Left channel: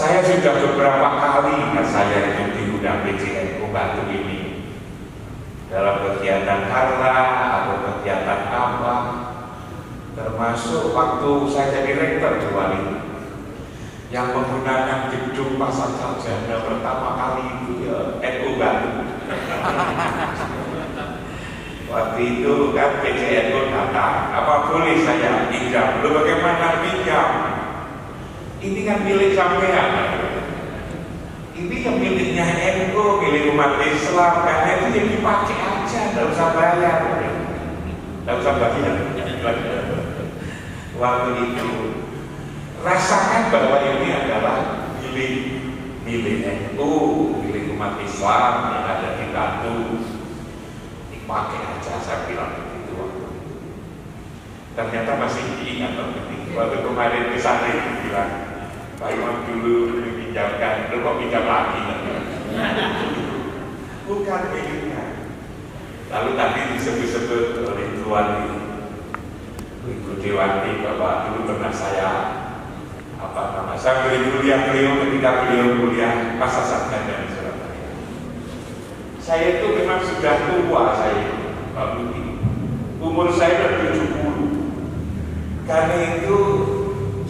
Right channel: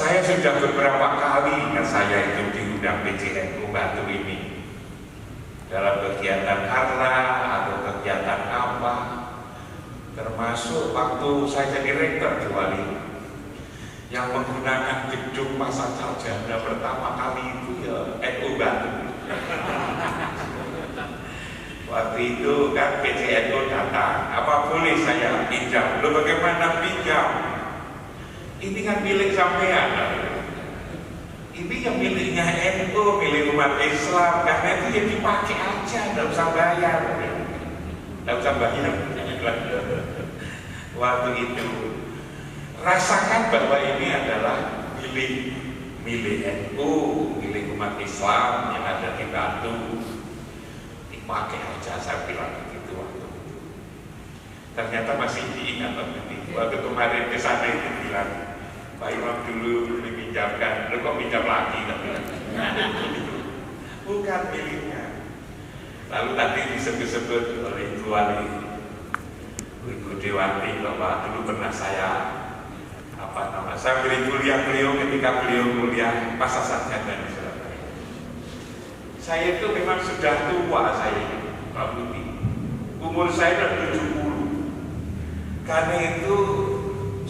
Saya sudah beberapa kali saya itu diundang PJNU Batu ini dalam kegiatan harla atau kegiatan apa, termasuk waktu saya jadi rektor di Wali yang menggunakan gedung Pasar Sarjana pertama kali itu ya NU Batu. Waktu itu kan PJNU datang, apa boleh saya pinjam? Belum bagaimana pinjam? Ini kan milik sampean. Ini yang miliknya NU, milik umat Islam. Karena itu yang dipakai aja, nggak usah bayar. Nggak usah bayar. Waktu itu rasakan bahwa ini adalah milik NU, milik umat Islam yang ada di Batu. Dipakai aja, saya bilang begitu waktu itu. Ternyata masih diingat waktu kemarin kesana itu bilang, Pak Imam dulu dipinjamkan, lu kok pinjam lagi? Bukan miliknya. Lalu tadi disebut-sebut oleh Tuan Ibu Dewati bahwa dulu pernah saya beri kuliah beliau ketika beliau kuliah Pasar Sarjana di Surabaya. Saya itu memang sudah tua Pak Budi. Umur saya sudah 70. Karena itu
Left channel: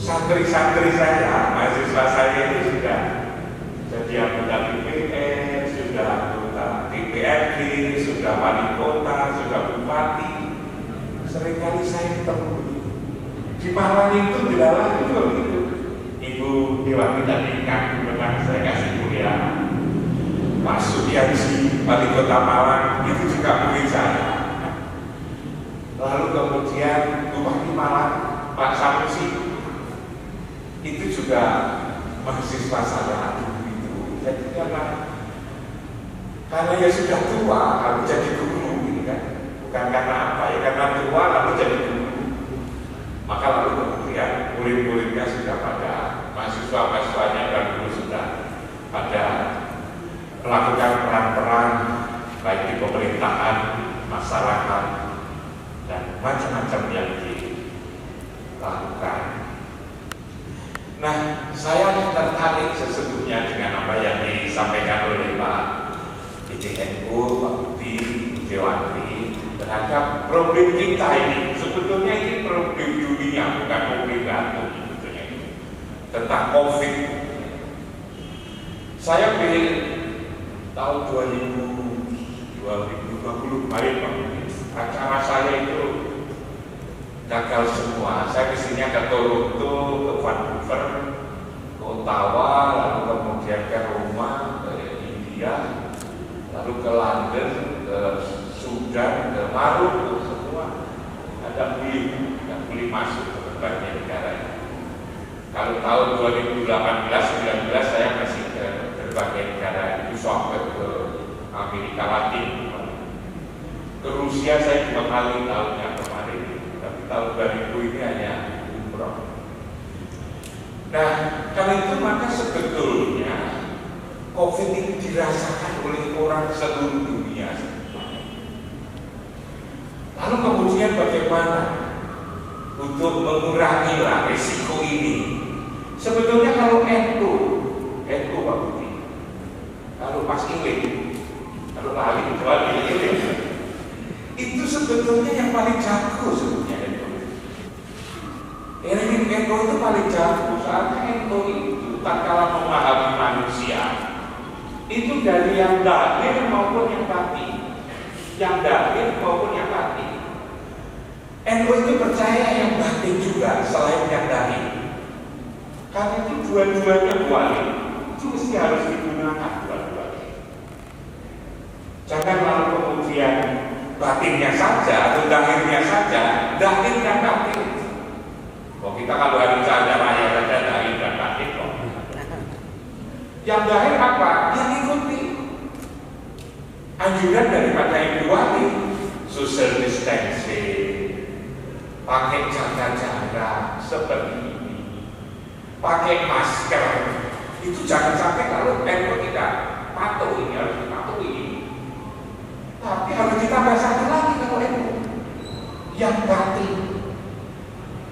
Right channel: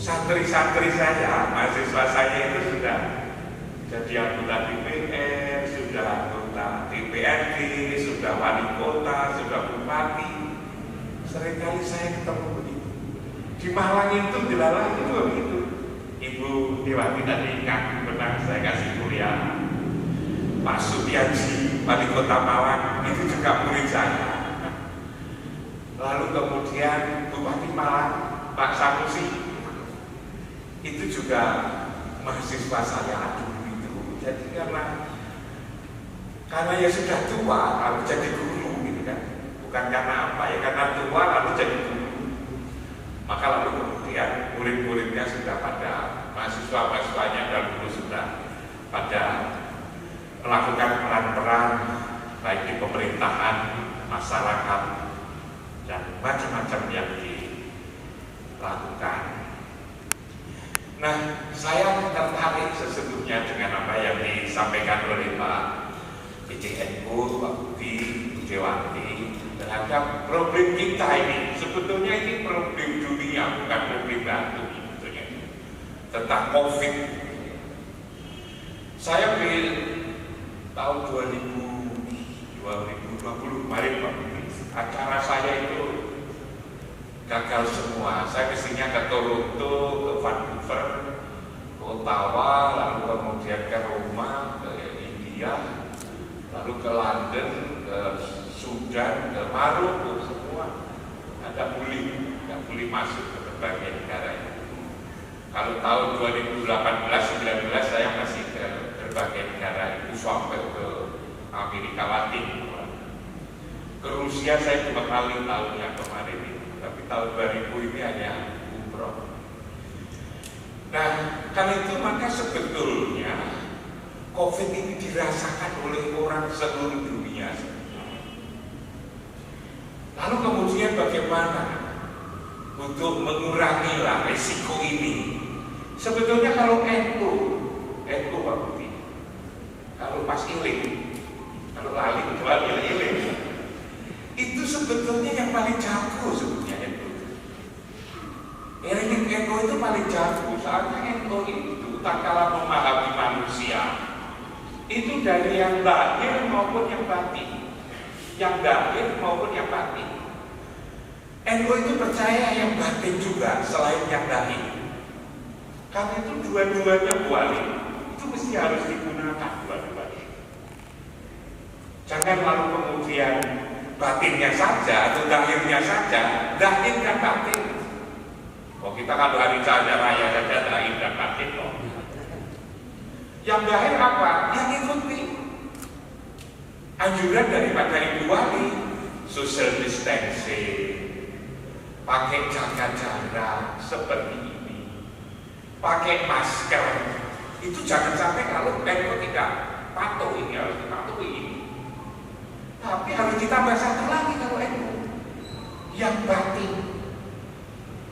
santri-santri saya, mahasiswa saya itu sudah jadi anggota DPR, sudah anggota DPRD, sudah wali kota, sudah bupati. Seringkali saya ketemu di Malang itu dilarang itu Ibu Dewati tadi kaki benar saya kasih kuliah. Pak Sudiansi, wali kota Malang itu juga murid saya. Lalu kemudian Bupati Malang Pak Samusi itu juga mahasiswa saya itu. Jadi karena ya sudah tua lalu jadi guru gitu kan. Bukan karena apa ya, karena tua lalu jadi guru. Maka lalu kemudian murid-muridnya sudah pada, mahasiswa-mahasiswanya dan guru sudah pada melakukan peran-peran baik di pemerintahan, masyarakat dan macam-macam yang dilakukan. Nah, saya tertarik sesungguhnya dengan apa yang disampaikan oleh Pak PJNU, Pak Budi, Dewati terhadap problem kita ini. Sebetulnya ini problem dunia, bukan problem Batu tentang COVID. Saya beri tahun 2020 kemarin Pak Budi, acara saya itu gagal semua. Saya kesini ke Toronto, ke Vancouver, ke Ottawa, lalu kemudian ke Roma, ke India, lalu ke London, ke Sudan, ke Maroko, semua ada beli masuk ke berbagai negara. Kalau tahun 2018-19 saya masih ke berbagai negara itu sampai ke Amerika Latin, ke Rusia saya juga kali tahunnya kemarin. Tahun 2000 ini hanya umroh. Nah, karena itu maka sebetulnya COVID ini dirasakan oleh orang seluruh dunia. Lalu kemudian bagaimana untuk mengurangi risiko ini? Sebetulnya kalau NU Pak Budi, kalau pas iling, kalau lali kecuali iling, itu sebetulnya yang paling jago sebetulnya. NU itu paling jago, soalnya NU itu tak kalah memahami manusia. Itu dari yang lahir maupun yang batin, yang lahir maupun yang batin. NU itu percaya yang batin juga selain yang lahir. Karena itu dua-duanya wali, itu mesti harus digunakan dua-duanya. Jangan lalu kemudian batinnya saja atau lahirnya saja, lahir dan batin. Oh, kita kalau hari saja raya saja lahir dan batin kok. Yang lahir apa? Yang ikuti anjuran daripada Ibu Wali, social distancing, pakai jaga-jaga seperti ini, pakai masker. Itu jangan sampai kalau tidak patuh ini harus dipatuhi. Tapi harus ditambah satu lagi kalau yang batin.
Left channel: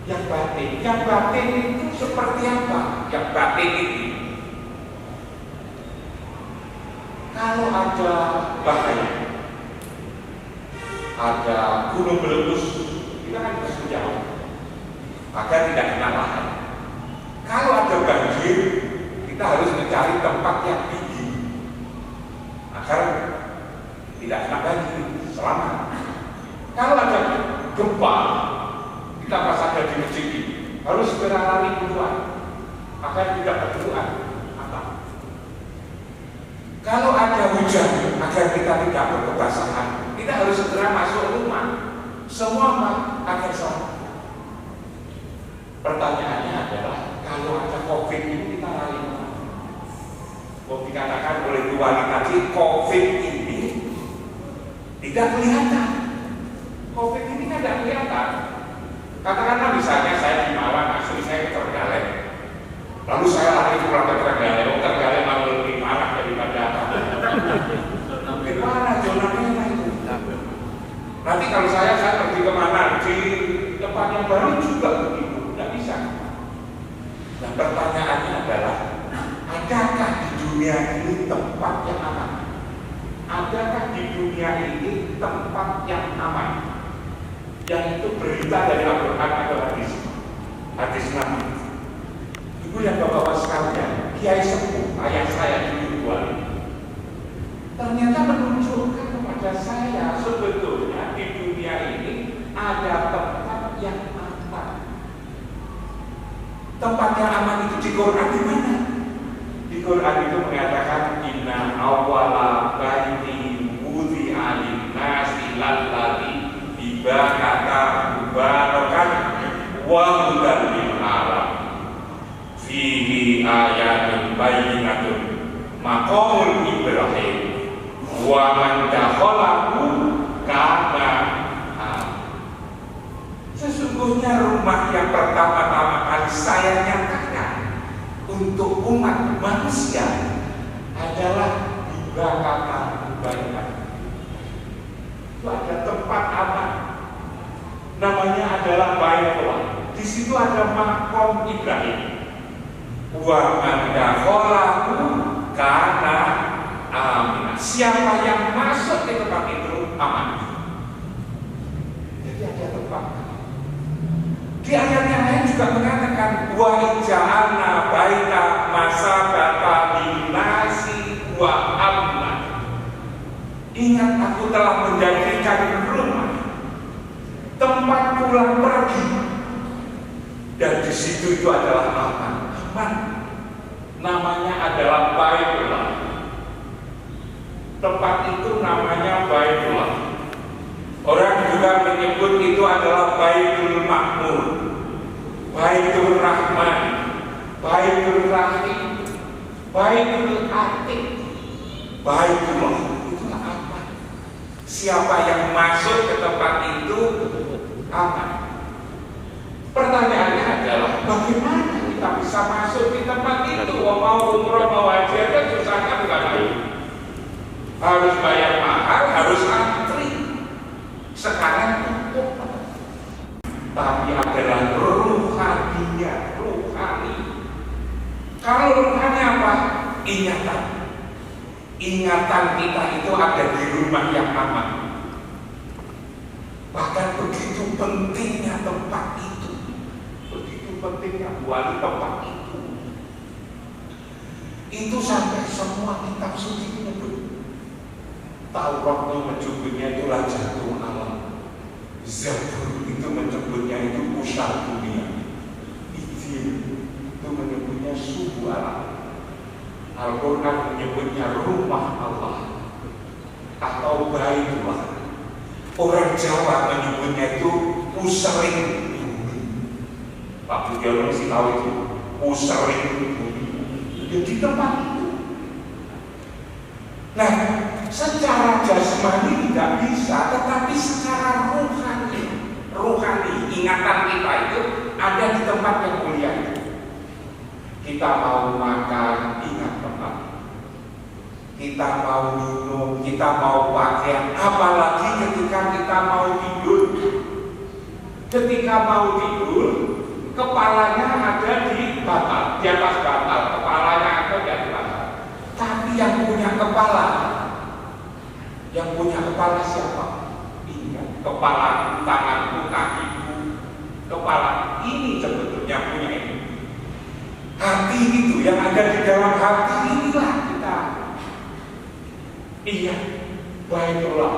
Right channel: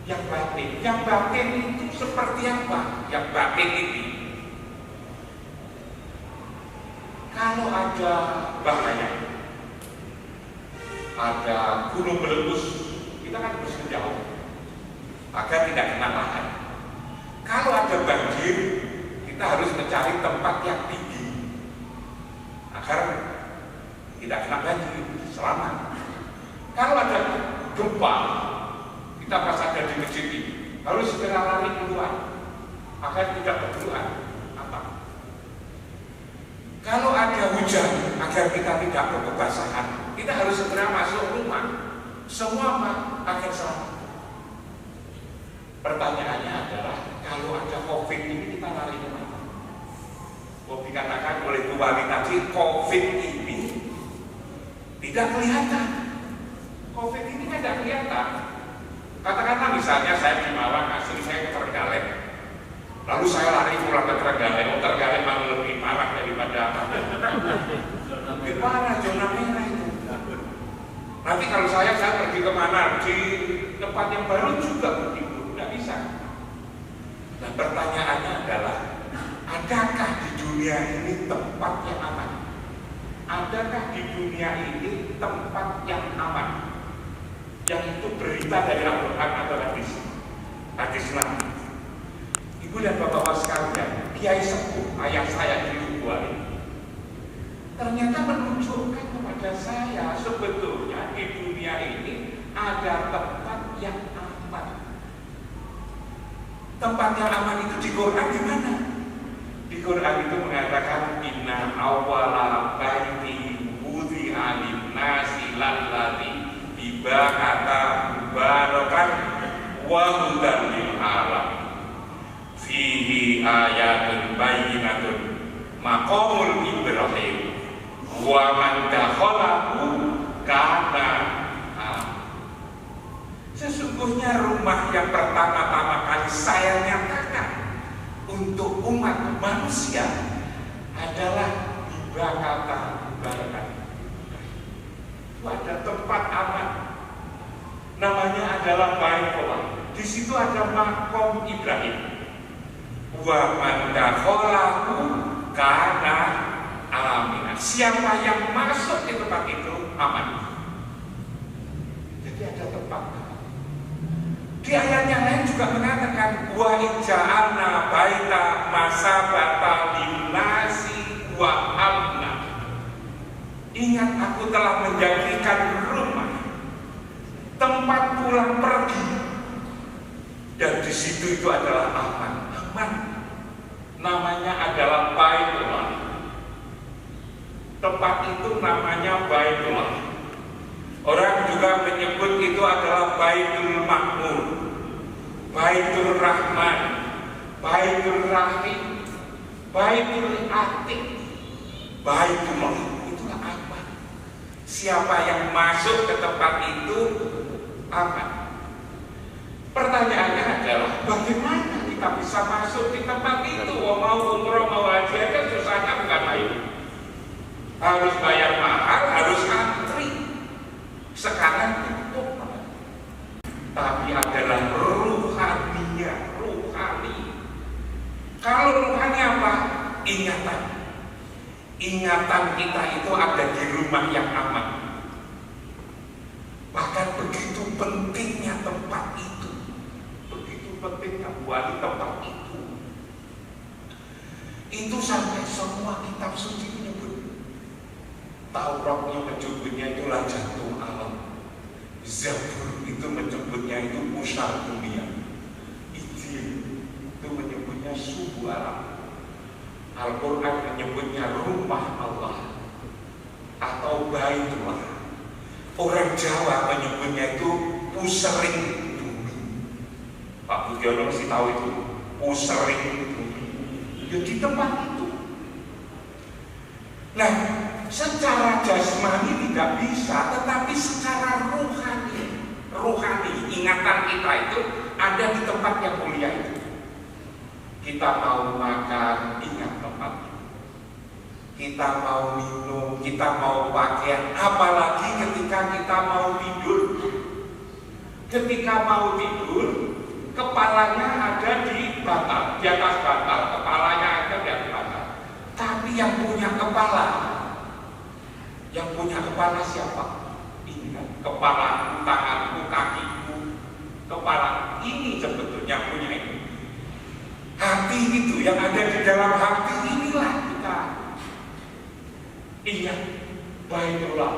Yang batin itu seperti apa? Yang batin ini kalau ada bahaya, ada gunung meletus, kita kan harus menjauh agar tidak kena lahar. Kalau ada banjir, kita harus mencari tempat yang tinggi agar tidak kena banjir, selamat. Kalau ada gempa, kita pas ada di masjid ini harus segera lari keluar agar tidak bergerak atap. Kalau ada hujan, agar kita tidak berkebasahan, kita harus segera masuk rumah. Semua akan selamat. Pertanyaannya adalah, kalau ada COVID ini kita lari kemana? Dikatakan oleh Bu Wali tadi, COVID ini tidak kelihatan. COVID ini kan tidak kelihatan. Katakanlah misalnya saya di Malang, asli saya Trenggalek. Lalu saya lari pulang ke Trenggalek. Trenggalek malah lebih marah daripada mana zona merah itu. Nanti kalau saya pergi kemana, di tempat yang baru juga begitu, tidak bisa. Nah, pertanyaannya adalah, adakah di dunia ini tempat yang aman? Adakah di dunia ini tempat yang aman? Yang itu berita dari Al-Quran atau hadis? Hadis Nabi. Ibu dan bapak-bapak sekalian, Kiai Sepuh, ayah saya di Uruguay, ternyata menunjukkan kepada saya sebetulnya di dunia ini ada tempat yang aman. Tempat yang aman itu di Quran di mana? Di Quran itu mengatakan, inna awwala baiti wudi'a lin-nasi lalladzi ibadata mubarakan wa hudan lil-alam fihi ayatun bayyinatun maqamul Ibrahim wa man dakhalahu kana sesungguhnya rumah yang pertama-tama kali saya nyatakan untuk umat manusia adalah ibadata mubarakan. Itu ada tempat aman, namanya adalah Baitullah. Di situ ada makom Ibrahim. Wa man dakhalahu kana amin. Siapa yang masuk di tempat itu aman. Jadi ada tempat. Di ayat yang lain juga mengatakan, wa ija'alna baita masabata linnasi wa amna. Ingat, aku telah menjadikan rumah tempat pulang pergi, dan di situ itu adalah aman. Aman, namanya adalah Baitullah. Tempat itu namanya Baitullah. Orang juga menyebut itu adalah Baitul Makmur, Baitul Rahman, Baitul Rahim, Baitul Atiq, Baitullah. Siapa yang masuk ke tempat itu aman. Pertanyaannya adalah, bagaimana kita bisa masuk di tempat itu? Mau umroh, mau haji, itu susah kan? Harus bayar mahal, harus antri. Sekarang itu, tapi adalah ruhaniyah, ruhani. Kalau ruhani apa? Ingatan. Ingatan kita itu ada di rumah yang aman. Bahkan begitu pentingnya tempat itu, begitu pentingnya buat tempat itu. Itu sampai semua kitab suci menyebut. Taurat menyebutnya itu Lajatul Alam, Zabur itu menyebutnya itu pusat dunia, Injil itu menyebutnya subuh alam, Al-Quran menyebutnya rumah Allah atau Baitullah. Orang Jawa menyebutnya itu pusering bumi. Pak Budiono mesti tahu itu pusering bumi. Di tempat itu. Nah, secara jasmani tidak bisa, tetapi secara rohani, ingatan kita itu ada di tempat yang mulia itu. Kita mau makan, ingat tempat. Kita mau minum, kita mau pakaian, apalagi ketika kita mau tidur. Ketika mau tidur, kepalanya ada di bantal, di atas bantal, kepalanya ada di atas bantal. Tapi yang punya kepala Yang punya kepala siapa? Ini kan, kepala, tanganku, kakiku, kepala. Ini sebetulnya punya ini. Hati itu yang ada di dalam hati inilah kita. Iya, baiklah.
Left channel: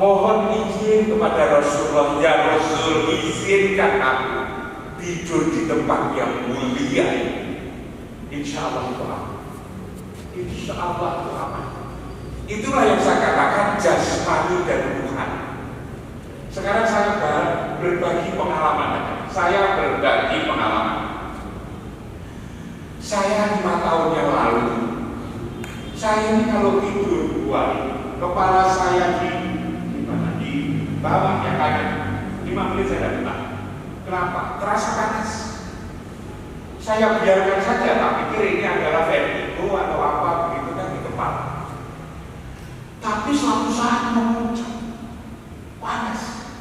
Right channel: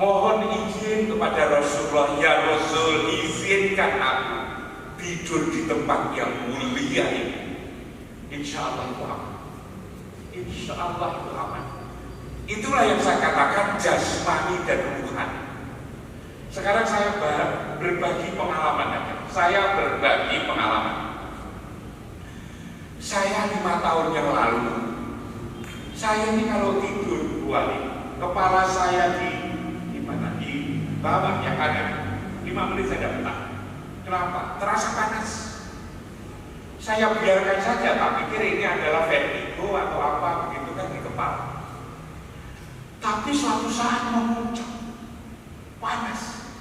Mohon izin kepada Rasulullah, ya Rasul, izinkan aku tidur di tempat yang mulia ini. Insya Allah itu aman. Insya Allah itu aman. Itulah yang saya katakan jasmani dan ruhani. Sekarang saya berbagi pengalaman. Saya berbagi pengalaman. Saya 5 tahun yang lalu, saya ini kalau tidur 2 hari, kepala saya di bawah yang kanan, 5 menit saya datang. Kenapa? Terasa panas. Saya biarkan saja, tak pikir ini adalah vertigo atau apa begitu kan di kepala. Tapi suatu saat memuncak, panas.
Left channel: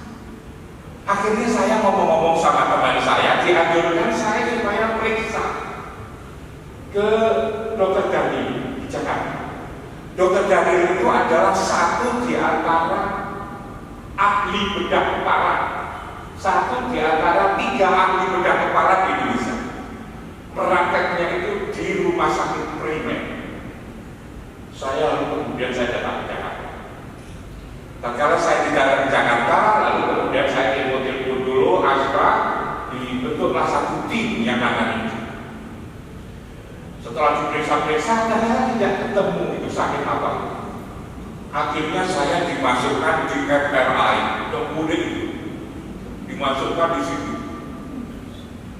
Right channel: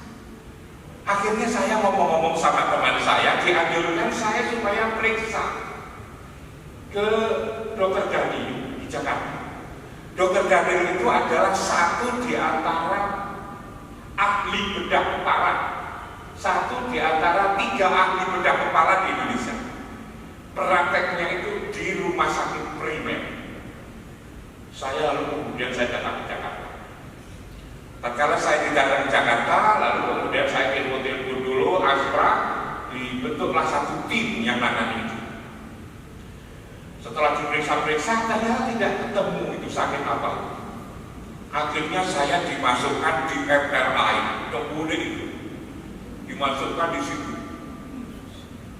Akhirnya saya ngomong-ngomong sama teman saya, dianjurkan saya supaya periksa ke Dokter Daniel di Jakarta. Dokter Daniel itu adalah satu di antara ahli bedah kepala, satu di antara 3 ahli bedah kepala di Indonesia. Prakteknya itu di rumah sakit primer. Kemudian saya datang ke Jakarta. Tatkala saya di Jakarta, lalu kemudian saya telepon dulu Astra, dibentuklah satu tim yang nangani itu. Setelah diperiksa-periksa, ternyata tidak ketemu itu sakit apa. Akhirnya saya dimasukkan di MRI, kemudian itu dimasukkan di situ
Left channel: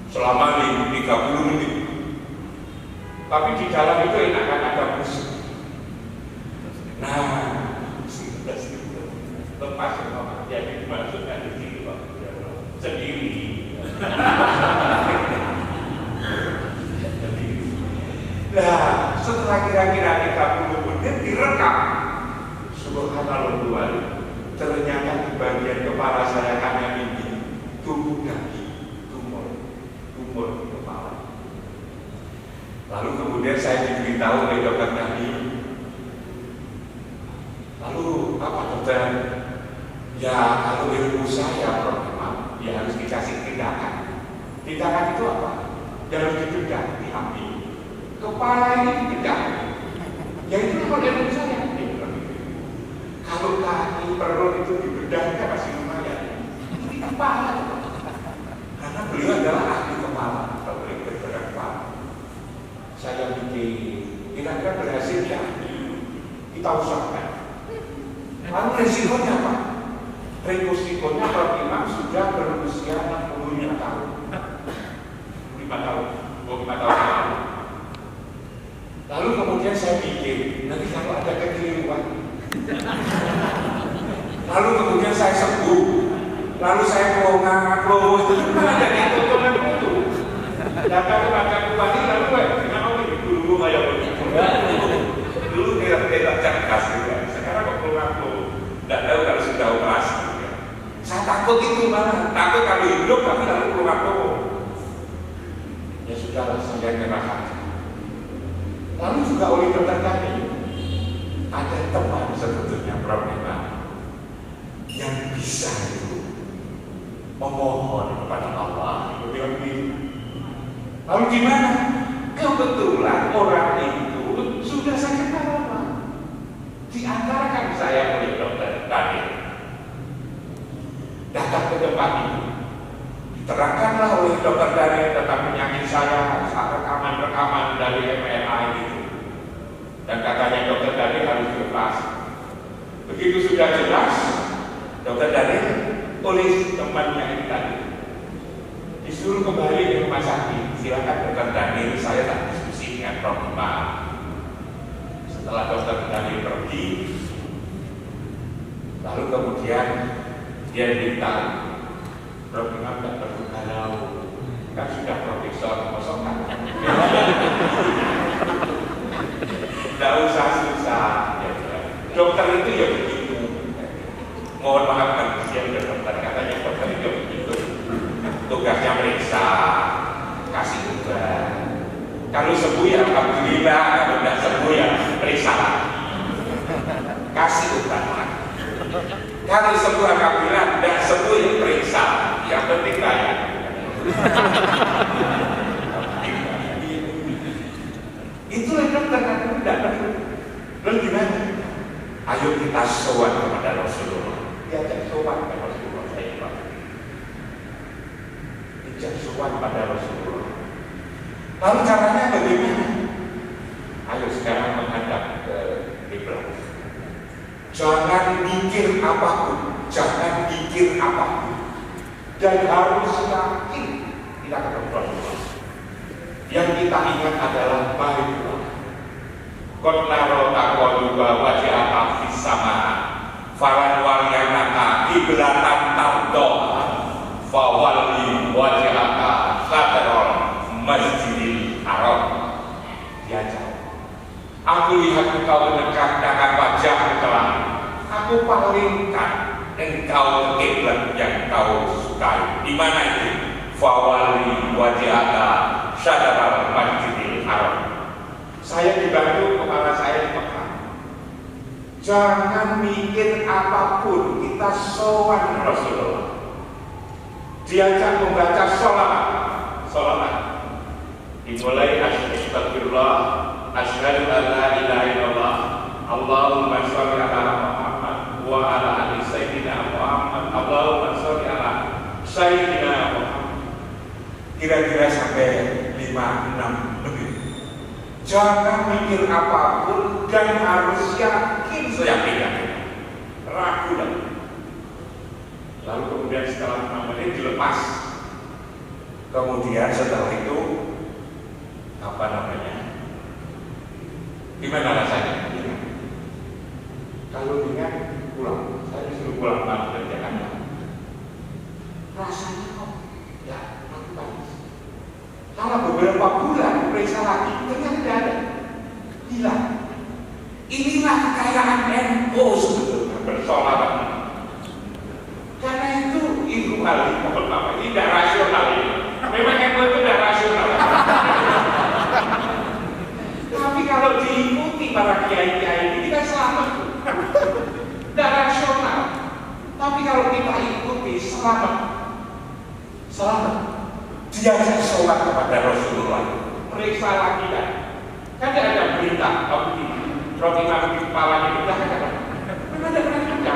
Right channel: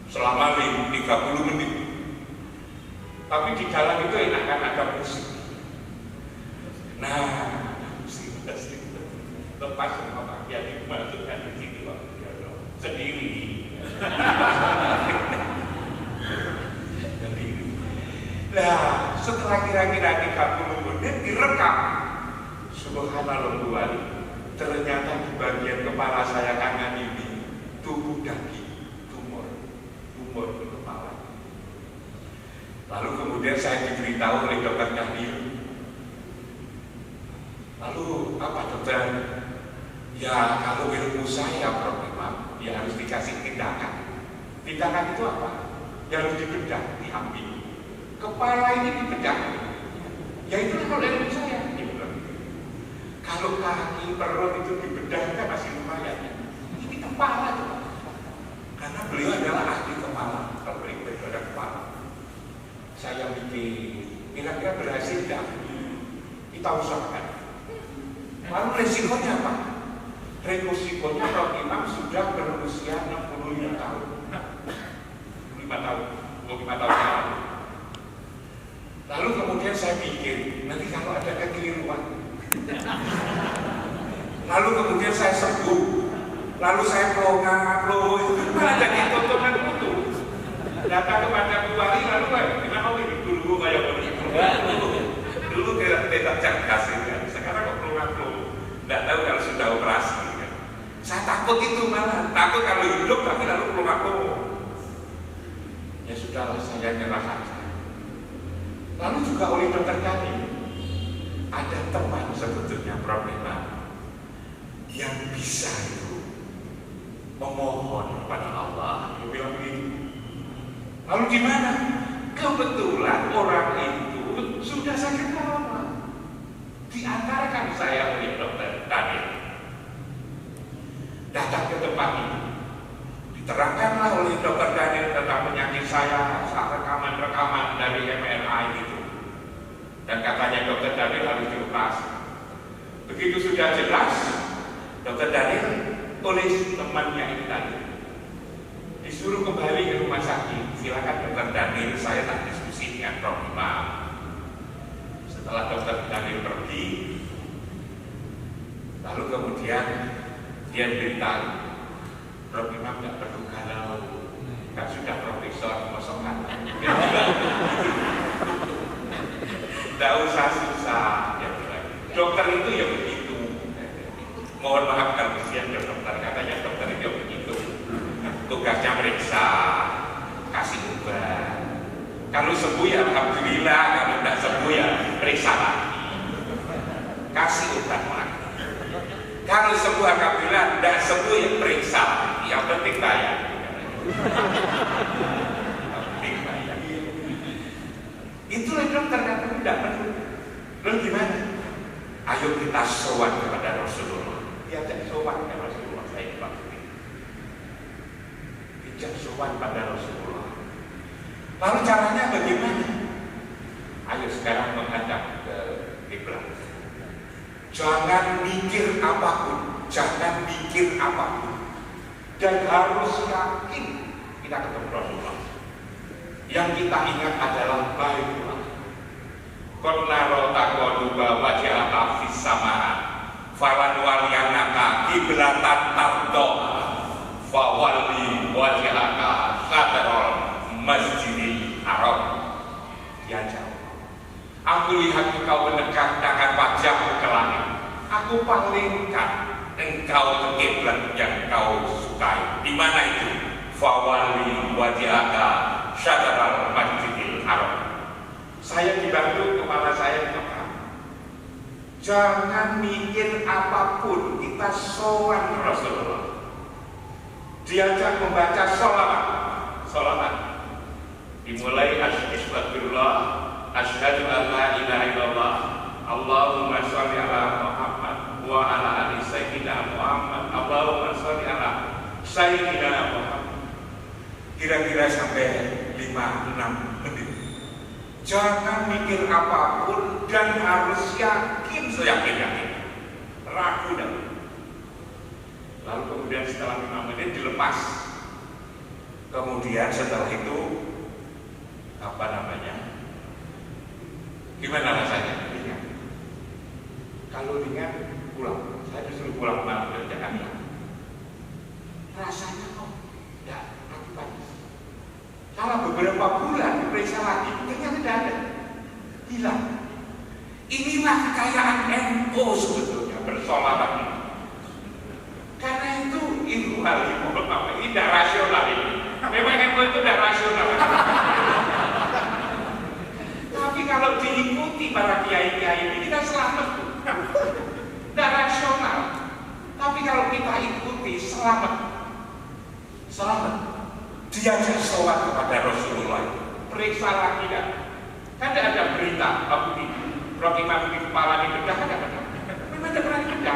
selama 30 menit. Tapi di dalam itu enakan ada musik. Nah, lepas semua jadi dimasukkan di situ sendiri. Nah, setelah kira-kira 30 menit direkam. Subhanallah, ternyata di bagian kepala saya kanan ini tumbuh daging, tumor di kepala. Lalu kemudian saya diberitahu oleh Dokter Daniel. Lalu apa dokter? Ya kalau ilmu saya problem, ya harus dikasih tindakan. Tindakan itu apa? Ya harus dibedah, diambil. Kepala ini dibedah. Ya itu kalau ilmu saya. Kalau kaki perut itu dibedah kan masih lumayan. Ini kepala itu. Karena beliau adalah ahli kepala atau beliau bedah kepala. Saya bikin, kira-kira berhasil ya? Kita usahakan. Lalu resikonya apa? Resikonya kalau imam sudah berusia 65 tahun. 5 tahun, 25 tahun lalu. Lalu kemudian saya pikir, nanti kalau ada kekeliruan. Lalu kemudian saya sembuh. Lalu saya loh itu ada ketontonan itu. Datang kepada bupati lalu kenapa dulu banyak begitu? Dulu tidak cerdas juga. Sekarang kok ngaku. Tidak tahu kalau sudah operasi. Saya takut itu malah. Takut kalau hidup tapi lalu ngaku. Ya sudahlah, saya nyerah saja. Lalu juga oleh Dokter Daniel ada teman sebetulnya problema yang bisa itu memohon kepada Allah. Dia bilang begini. Lalu di mana? Kebetulan orang itu sudah saya kenal. Diantarkan saya oleh Dokter Daniel. Datang ke depan itu. Diterangkanlah oleh Dokter Daniel tentang penyakit saya, rekaman-rekaman dari MRI itu. Dan katanya Dokter Daniel harus dilepas. Begitu sudah jelas, Dokter Daniel oleh temannya ini tadi disuruh kembali ke rumah sakit. Silakan Dokter Daniel, saya tak diskusi dengan Prof. Imam. Setelah Dokter Daniel pergi, lalu kemudian dia bilang, Prof. Imam tidak perlu galau, kan sudah profesor kosongan. Tidak usah susah. Dokter itu ya begitu. Mohon maaf kasihan ke dokter, katanya dokter itu begitu. Tugasnya meriksa, kasih obat. Kalau sembuh ya alhamdulillah, kalau tidak sembuh ya periksa. kasih obat lagi. Kalau sebuah kabinet tidak sembuh ya periksa, yang penting kaya. Itulah dokter kan tidak perlu. Lalu gimana? Ayo kita sowan kepada Rasulullah. Diajak sowan kepada Rasulullah. Saya bilang, diajak sowan pada Rasulullah. Lalu caranya bagaimana? Ayo sekarang menghadap ke kiblat. Jangan mikir apapun, jangan mikir apapun, dan harus yakin kita ketemu Rasulullah. Yang kita ingat adalah baiklah. Qonnaro taqwaluba wajhaka fis sama, falan walyanaka kiblatan tardoha, fawalli wajhaka syatral masjidil haram. Ya jauh. Aku lihat engkau mendekatkan wajah ke langit. Aku palingkan engkau ke kiblat yang kau sukai. Di mana itu? Fawalli wajhaka syatral masjidil haram. Saya dibantu kepala saya di Mekah. Jangan mikir apapun, kita sowan Rasulullah. Diajak membaca sholawat. Dimulai astagfirullah, asyhadu an la ilaha illallah, Allahumma sholli ala Muhammad wa ala ali sayyidina Muhammad, Allahumma sholli ala sayyidina Muhammad. Kira-kira sampai 5-6 menit. Jangan mikir apapun dan harus yakin, seyakin-yakin. Ragu lagi. Lalu kemudian setelah 5 menit dilepas. Kemudian setelah itu apa namanya? Gimana rasanya? Kalau ingat pulang, saya disuruh pulang malam dari Jakarta. Rasanya kok ya bagus. Kalau beberapa bulan periksa lagi, ternyata tidak ada, hilang. Inilah kekayaan NU sebetulnya bersolawat. Karena itu hal ini tidak rasional ini. Memang NU itu tidak rasional. Tapi kalau diikuti para kiai-kiai ini kita selamat. Tidak rasional. Tapi kalau kita ikuti selamat. Diajak sholat kepada Rasulullah. Periksa lagi kan. Kan tidak ada berita tapi roti madu di kepala itu tidak ada. Tidak ada berita.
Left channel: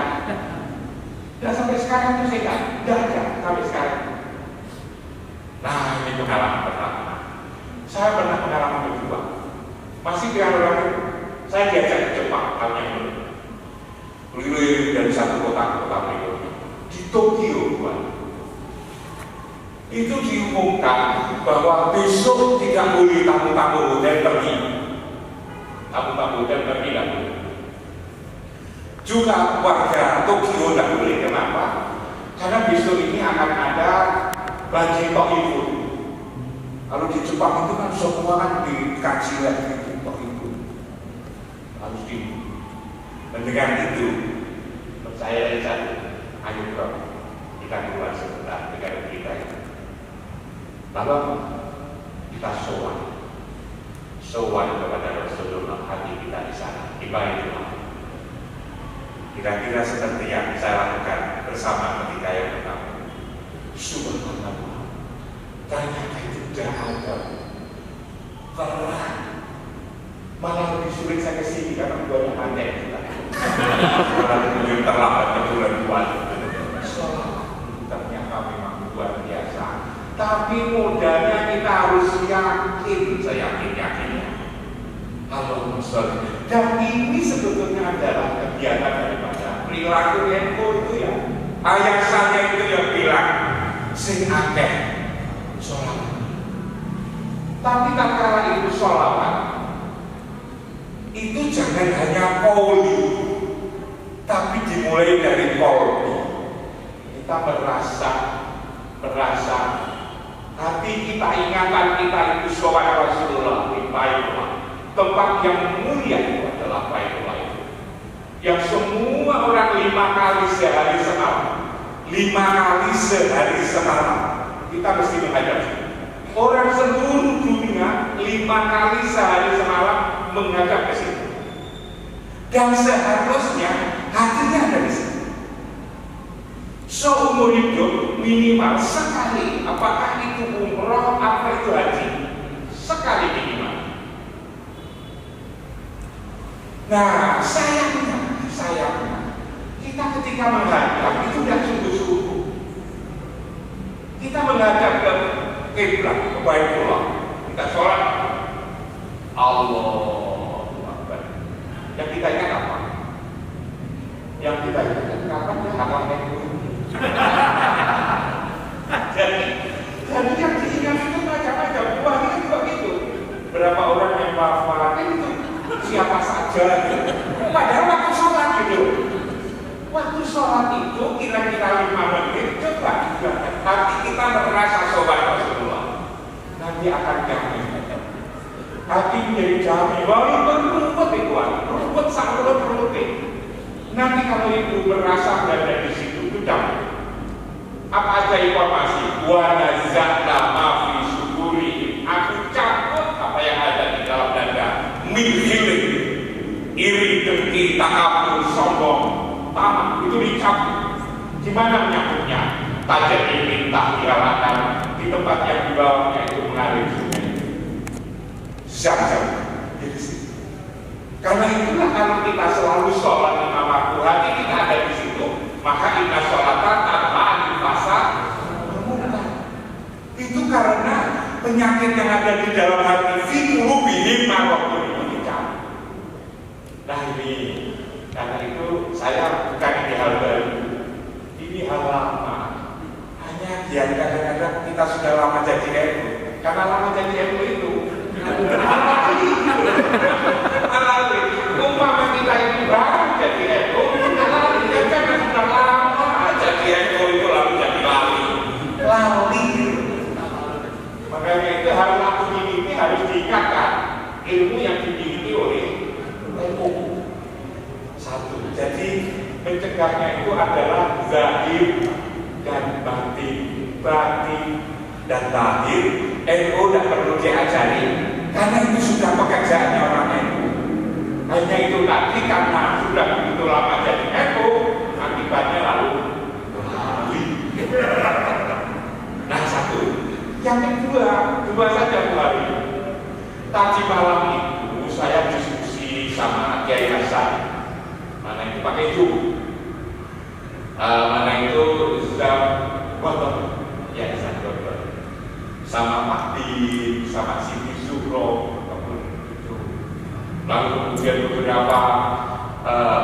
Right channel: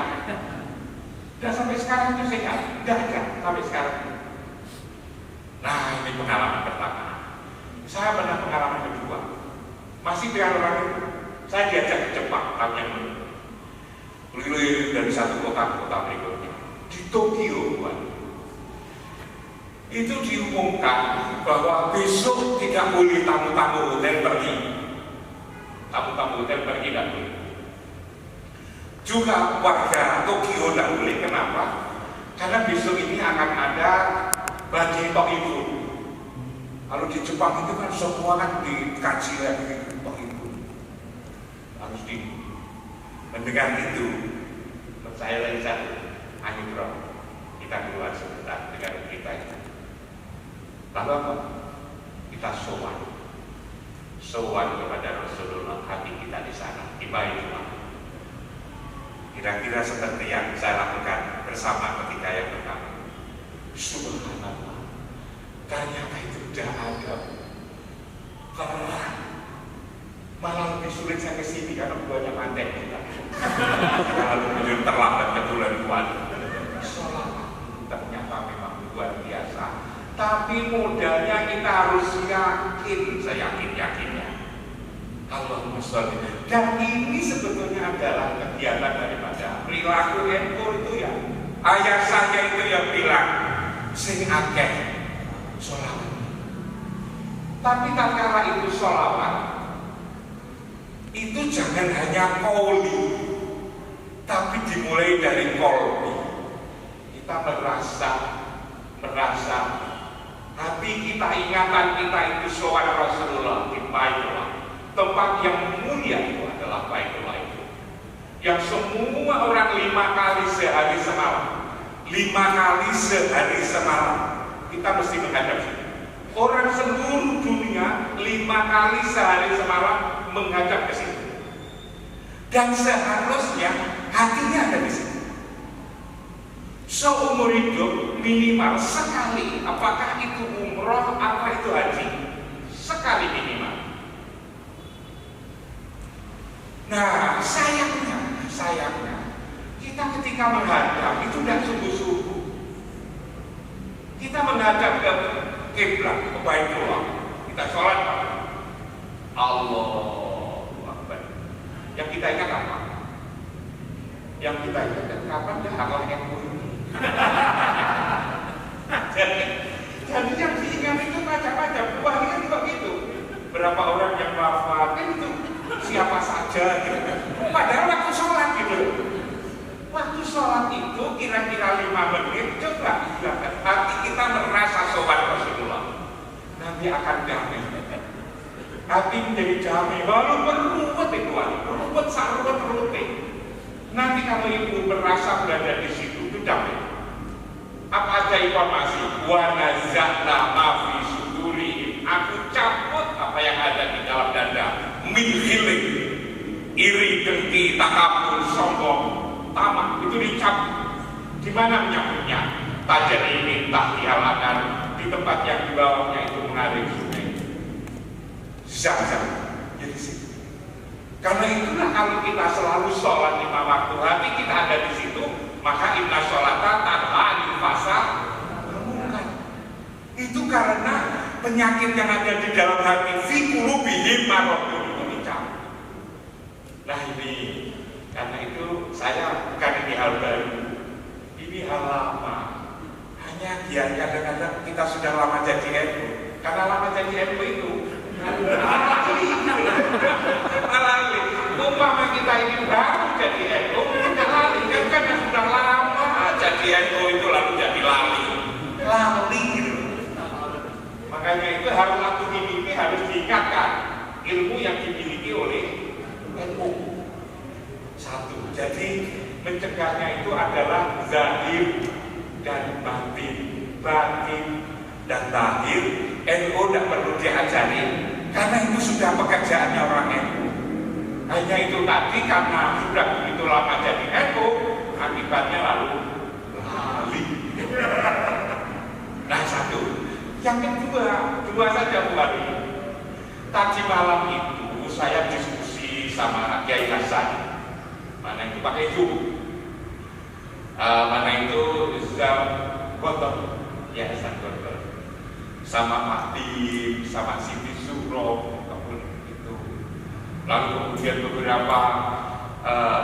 Dan sampai sekarang itu saya tidak ada sampai sekarang. Nah, ini pengalaman pertama. Saya pernah pengalaman kedua. Masih di orang itu, saya diajak ke Jepang, halnya ini. Keliling dari satu kota ke kota berikutnya. Di Tokyo, itu diumumkan bahwa besok tidak boleh tamu-tamu hotel pergi. Tamu-tamu hotel pergi tidak boleh. Juga warga Tokyo tidak boleh. Kenapa? Karena besok ini akan ada banjir Tokifu. Kalau di Jepang itu kan semua kan dikaji lagi Tokifu. Harus di mendengar itu, percaya saja. Ayo bro, kita keluar sebentar, kita bertiga. Lalu kita sowan kepada Rasulullah, hati kita di sana, di Baitullah. Kira-kira seperti yang saya lakukan bersama ketika yang pertama. Subhanallah, ternyata itu tidak ada. Karena malah lebih sulit saya ke sini karena banyak aneh kita. Karena lebih terlambat keturunan kuat. Ternyata memang luar biasa. Tapi modalnya kita harus yakin, seyakin-yakinnya. Allahumma sholli. Dan ini sebetulnya adalah kegiatan daripada perilaku NU itu ya. Ayah saya itu yang bilang, sing akeh sholawat. Tapi tatkala itu sholawat, itu jangan hanya qauli, tapi dimulai dari qauli. Kita merasa hati kita, ingatan kita itu sowan Rasulullah di Baitullah. Tempat yang mulia itu adalah Baitullah itu. Yang semua orang 5 kali sehari semalam kita mesti menghadap. Orang seluruh dunia 5 kali sehari semalam menghadap ke situ. Dan seharusnya hatinya ada di situ. Seumur hidup minimal sekali, apakah itu umroh, apa itu haji, sekali minimal. Nah, sayangnya kita ketika menghadap itu tidak sungguh-sungguh. Kita menghadap ke kiblat, ke Baitullah, kita sholat, Allahu Akbar. Yang kita ingat apa? Yang kita ingat kapan ya akan mengikuti. Jadi yang diingat itu macam-macam. Wah, ini juga gitu. Berapa orang yang wafat itu siapa saja gitu. Padahal waktu sholat gitu. Waktu sholat itu kira-kira 5 menit, coba digerakkan hati kita merasa sobat Rasulullah. Nanti akan damai. Hati menjadi damai. Walaupun rumput itu, rumput sangat rumput. Nanti kalau itu merasa berada di situ, itu damai. Apa aja informasi? Wa nazza'na ma fi sudurihim. Aku cabut apa yang ada di dalam dada. Min hiling, iri, dengki, takabur, sombong, tamak, itu dicabut. Di mana menyambutnya? Tajam diminta dialakan di tempat yang di bawahnya itu mengalir sungai. Zam-zam di situ. Karena itulah kalau kita selalu sholat di waktu hati kita ada di situ, maka inna sholatan tanpa dipasa bermudah. Itu karena penyakit yang ada di dalam hati fiqhu bihim marokun dicabut. Nah ini, karena itu saya bukan ini hal baru, ini hal lama. Hanya dia kadang-kadang kita sudah lama jadi NU, karena lama jadi NU itu alali. Umpama kita itu baru jadi NU, alali. Dia kan sudah lama jadi NU itu lalu jadi lali. Makanya itu harus langsung ini harus diingatkan ilmu yang dimiliki oleh NU. Satu, jadi mencegahnya itu adalah zahir dan batin dan lahir. NU tidak perlu diajari karena itu sudah pekerjaannya orang NU. Hanya itu tadi karena sudah begitu lama jadi NU, akibatnya lalu lali. Nah satu, yang kedua saja Bu Hari. Tadi malam itu saya diskusi sama Kiai Hasan. Mana itu pakai Zoom, mana itu Zam Gotor, ya Hasan Gotor, sama Pak Di, sama Siti Suro, lalu kemudian beberapa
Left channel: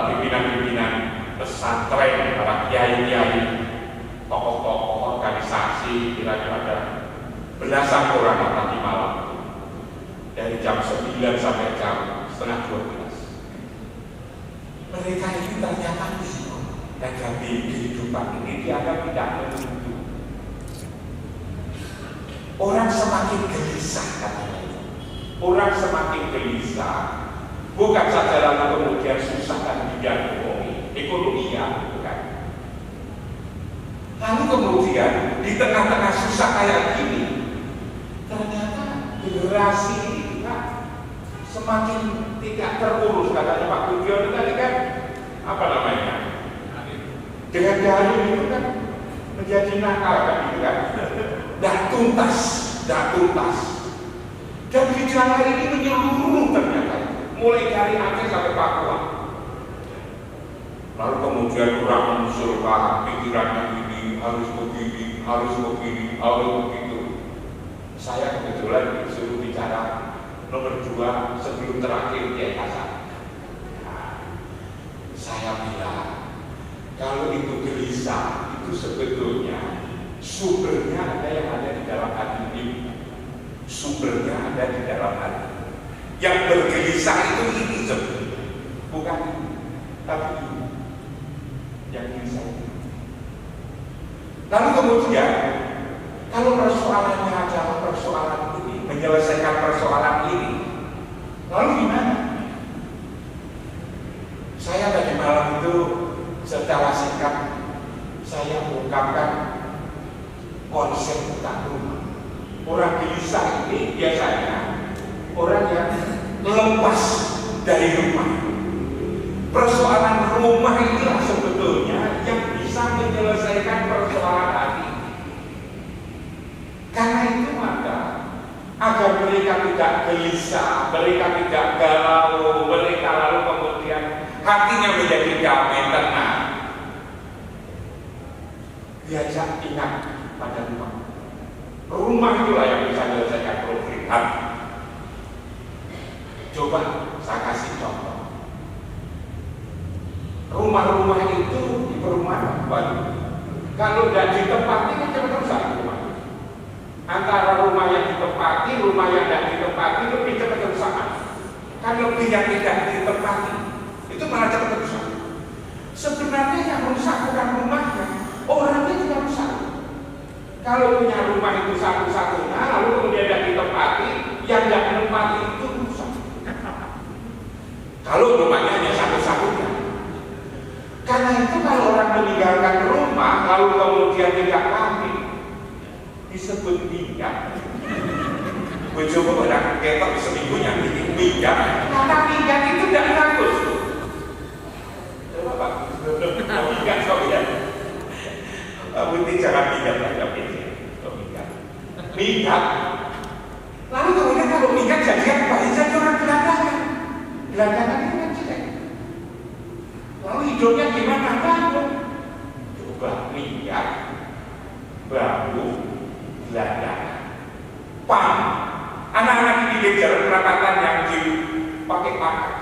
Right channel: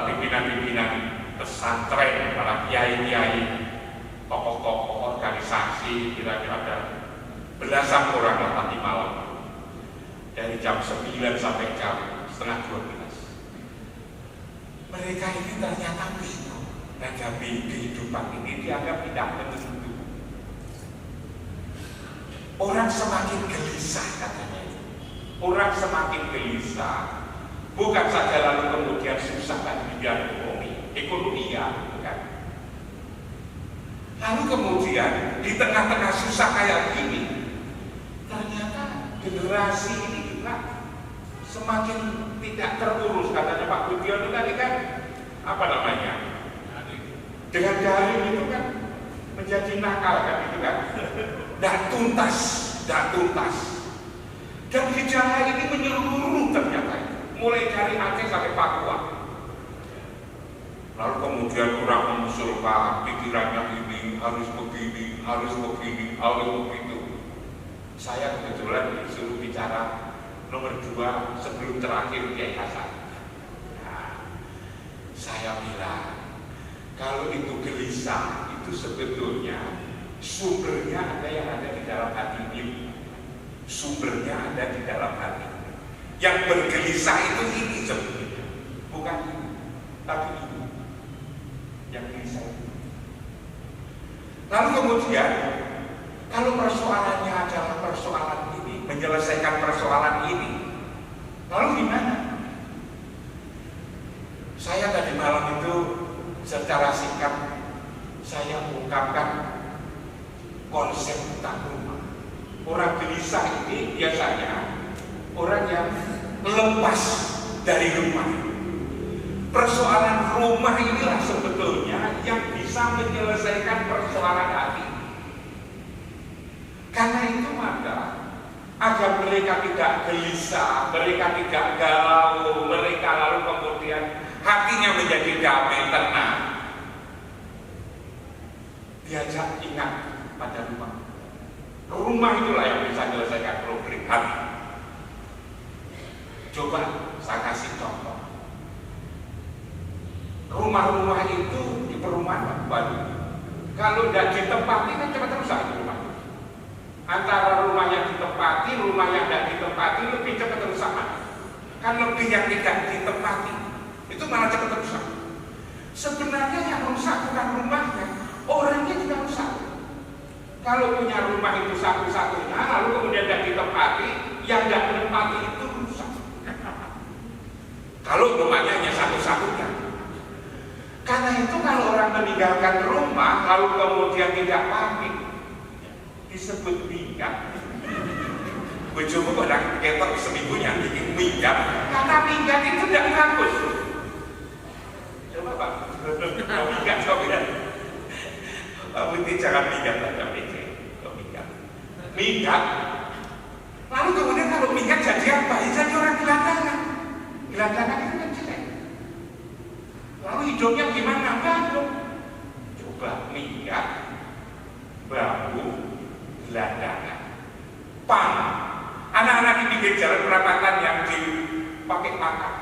pimpinan-pimpinan pesantren, para kiai-kiai, tokoh-tokoh organisasi, kira-kira ada belasan orang tadi malam dari jam 9 sampai jam setengah 12. Mereka ini ternyata bingung menghadapi kehidupan ini, dianggap tidak menentu. Orang semakin gelisah katanya. Orang semakin gelisah. Bukan saja lalu kemudian susah dan tidak ekonomi ya, bukan. Lalu kemudian di tengah-tengah susah kayak gini, ternyata generasi kita semakin tidak terurus. Katanya Pak Budion tadi kan apa namanya? Dengan daring itu kan menjadi nakal kan gitu kan? Dah tuntas. Dan gejala ini menyeluruh ternyata, mulai dari Aceh sampai Papua. Lalu kemudian kurang mengusulkan pikirannya ini harus begini, harus begitu. Saya kebetulan disuruh bicara nomor 2 sebelum terakhir Kiai Hasan. Nah, saya bilang kalau itu gelisah itu sebetulnya sumbernya ada yang ada di dalam hati ini. Sumbernya ada di dalam hati. Yang bergelisah itu ini sebetulnya, bukan ini, tapi ini yang gelisah itu. Lalu kemudian kalau persoalannya adalah persoalan ini, menyelesaikan persoalan ini, lalu gimana? Saya tadi malam itu secara singkat saya mengungkapkan konsep utang rumah. Orang gelisah ini biasanya orang yang lepas dari rumah. Persoalan rumah inilah sebetulnya yang bisa menyelesaikan persoalan hati. Karena itu maka agar mereka tidak gelisah, mereka tidak galau, mereka lalu kemudian hatinya menjadi damai, tenang. Diajak ingat pada rumah. Rumah itulah yang bisa menyelesaikan problem hati. Coba saya kasih contoh. Rumah-rumah itu di perumahan baru, kalau tidak ditempati kan cepat rusak rumah. Antara rumah yang ditempati, rumah yang tidak ditempati lebih cepat rusak. Kan lebih yang tidak ditempati itu malah cepat rusak. Sebenarnya yang rusak bukan rumahnya, orangnya juga rusak. Kalau punya rumah itu satu-satunya, lalu kemudian tidak ditempati, yang tidak ditempati itu rusak. Kalau rumahnya hanya satu-satunya. Karena itu kalau orang meninggalkan rumah lalu kemudian tidak pamit, disebut minggat. Bojomu orang ketok seminggunya minggat. Karena minggat itu tidak bagus. Coba Pak, minggat coba ya. Pak Putih jangan minggat pada pikir. Minggat. Lalu kemudian kalau minggat jadi apa? Jadi orang gelandangan. Gelandangan itu kan jelek. Lalu hidupnya gimana? Bagus. Coba minggat, baru, gelandangan. Pam. Anak-anak di pinggir jalan perapatan yang dipakai makan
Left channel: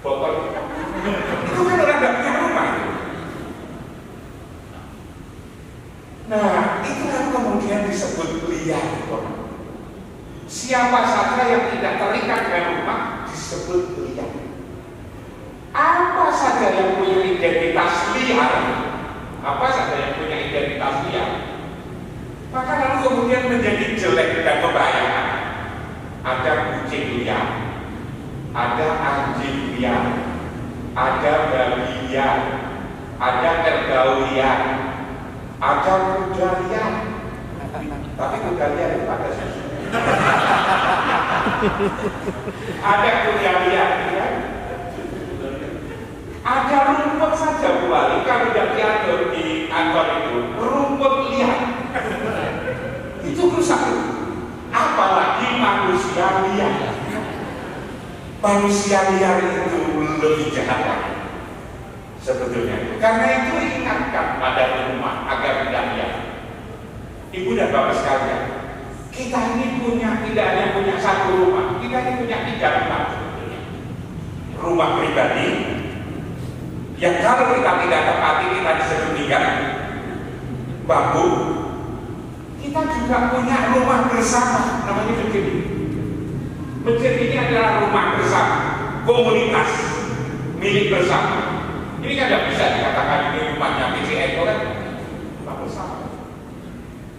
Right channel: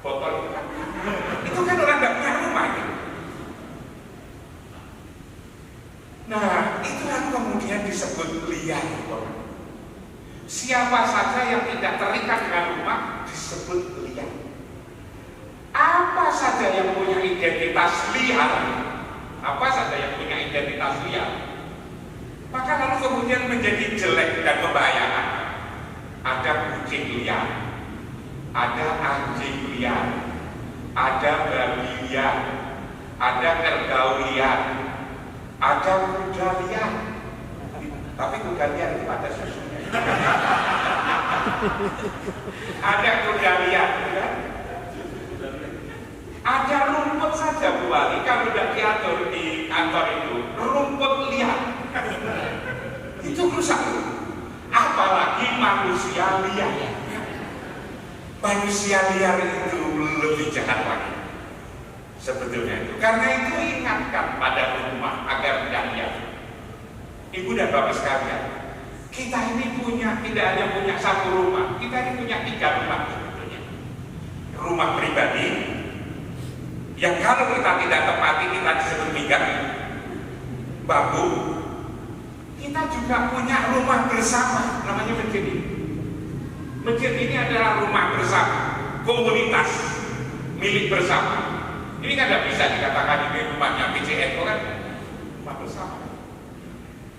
botol itu kan orang nggak punya rumah itu. Nah, itulah kemudian disebut liar. Siapa saja yang tidak terikat dengan rumah disebut liar. Apa saja yang punya identitas liar, apa saja yang punya identitas liar, maka lalu kemudian menjadi jelek dan membahayakan. Ada kucing liar, ada anjing liar, ada babi liar, ada kerbau liar, ada kuda liar. Tapi kuda liar itu pada susu. Ada kuda liar, ya? Ada rumput saja pula. Kalau tidak diatur di kantor itu, rumput liar. Itu rusak. Apalagi manusia liar. Manusia liar itu lebih jahat lagi sebetulnya itu. Karena itu ingatkan pada rumah agar tidak liar. Ibu dan bapak sekalian, kita ini tidak hanya punya satu rumah, kita ini punya 3 rumah. Rumah pribadi yang kalau kita tidak tepati kita disebut minggat, babu. Kita juga punya rumah bersama, namanya masjid. Masjid ini adalah rumah bersama, komunitas milik bersama. Ini kan tidak bisa dikatakan ini rumahnya PCN, kan? Rumah bersama.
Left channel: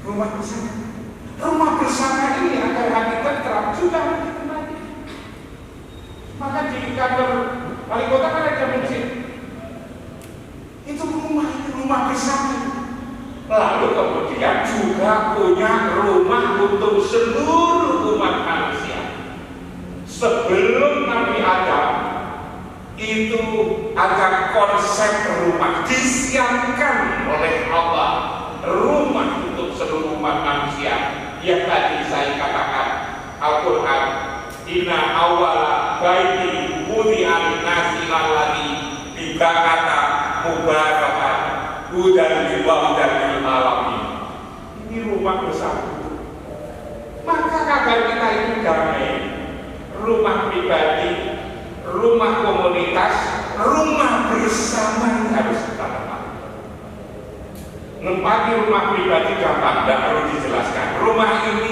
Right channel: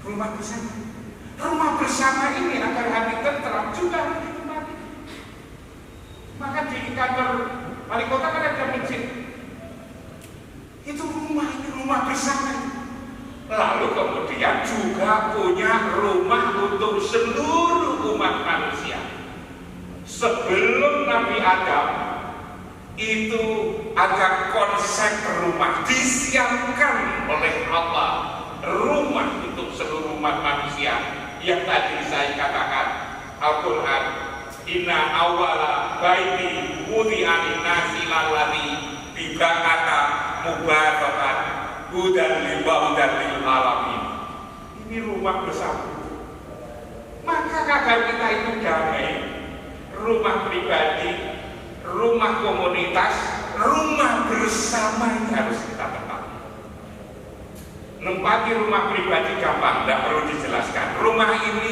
Rumah bersama. Rumah bersama ini agar hati tentram juga dinikmati. Maka di kantor wali kota kan ada masjid. Itu rumah bersama. Lalu kemudian juga punya rumah untuk seluruh umat manusia. Sebelum Nabi Adam itu ada konsep rumah disiapkan oleh Allah, rumah untuk seluruh umat manusia yang tadi saya katakan Al-Quran, inna awala baiti wudi'an nasi lalladzi dibakata mubarakan hudan lil alamin. Ini rumah bersama. Maka agar kita itu damai, rumah pribadi, rumah komunitas, rumah bersama harus kita tempati. Nempati rumah pribadi gampang, tidak perlu dijelaskan. Rumah ini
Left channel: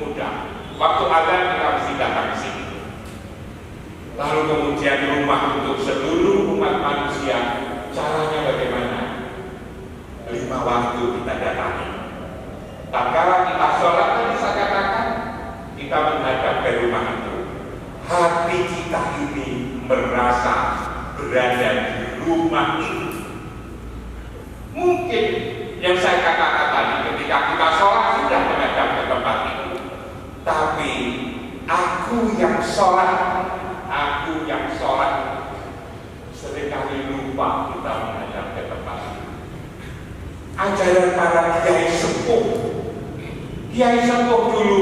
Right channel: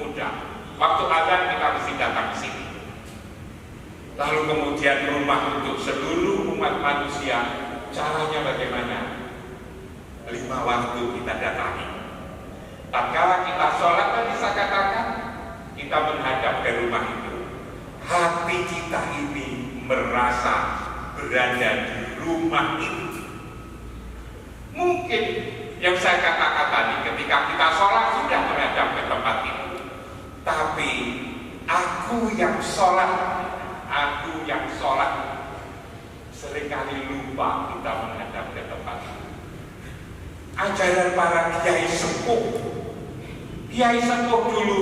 mudah. Waktu ada kita mesti datang ke sini. Lalu kemudian rumah untuk seluruh umat manusia, caranya bagaimana? 5 waktu kita datangi. Tatkala kita sholat tadi saya katakan, kita menghadap ke rumah itu. Hati kita ini merasa berada di rumah ini. Mungkin yang saya katakan tadi, ketika kita sholat sudah menghadap ke tempat itu. Tapi aku yang sholat seringkali ajaran para kiai sepuh. Kiai sepuh dulu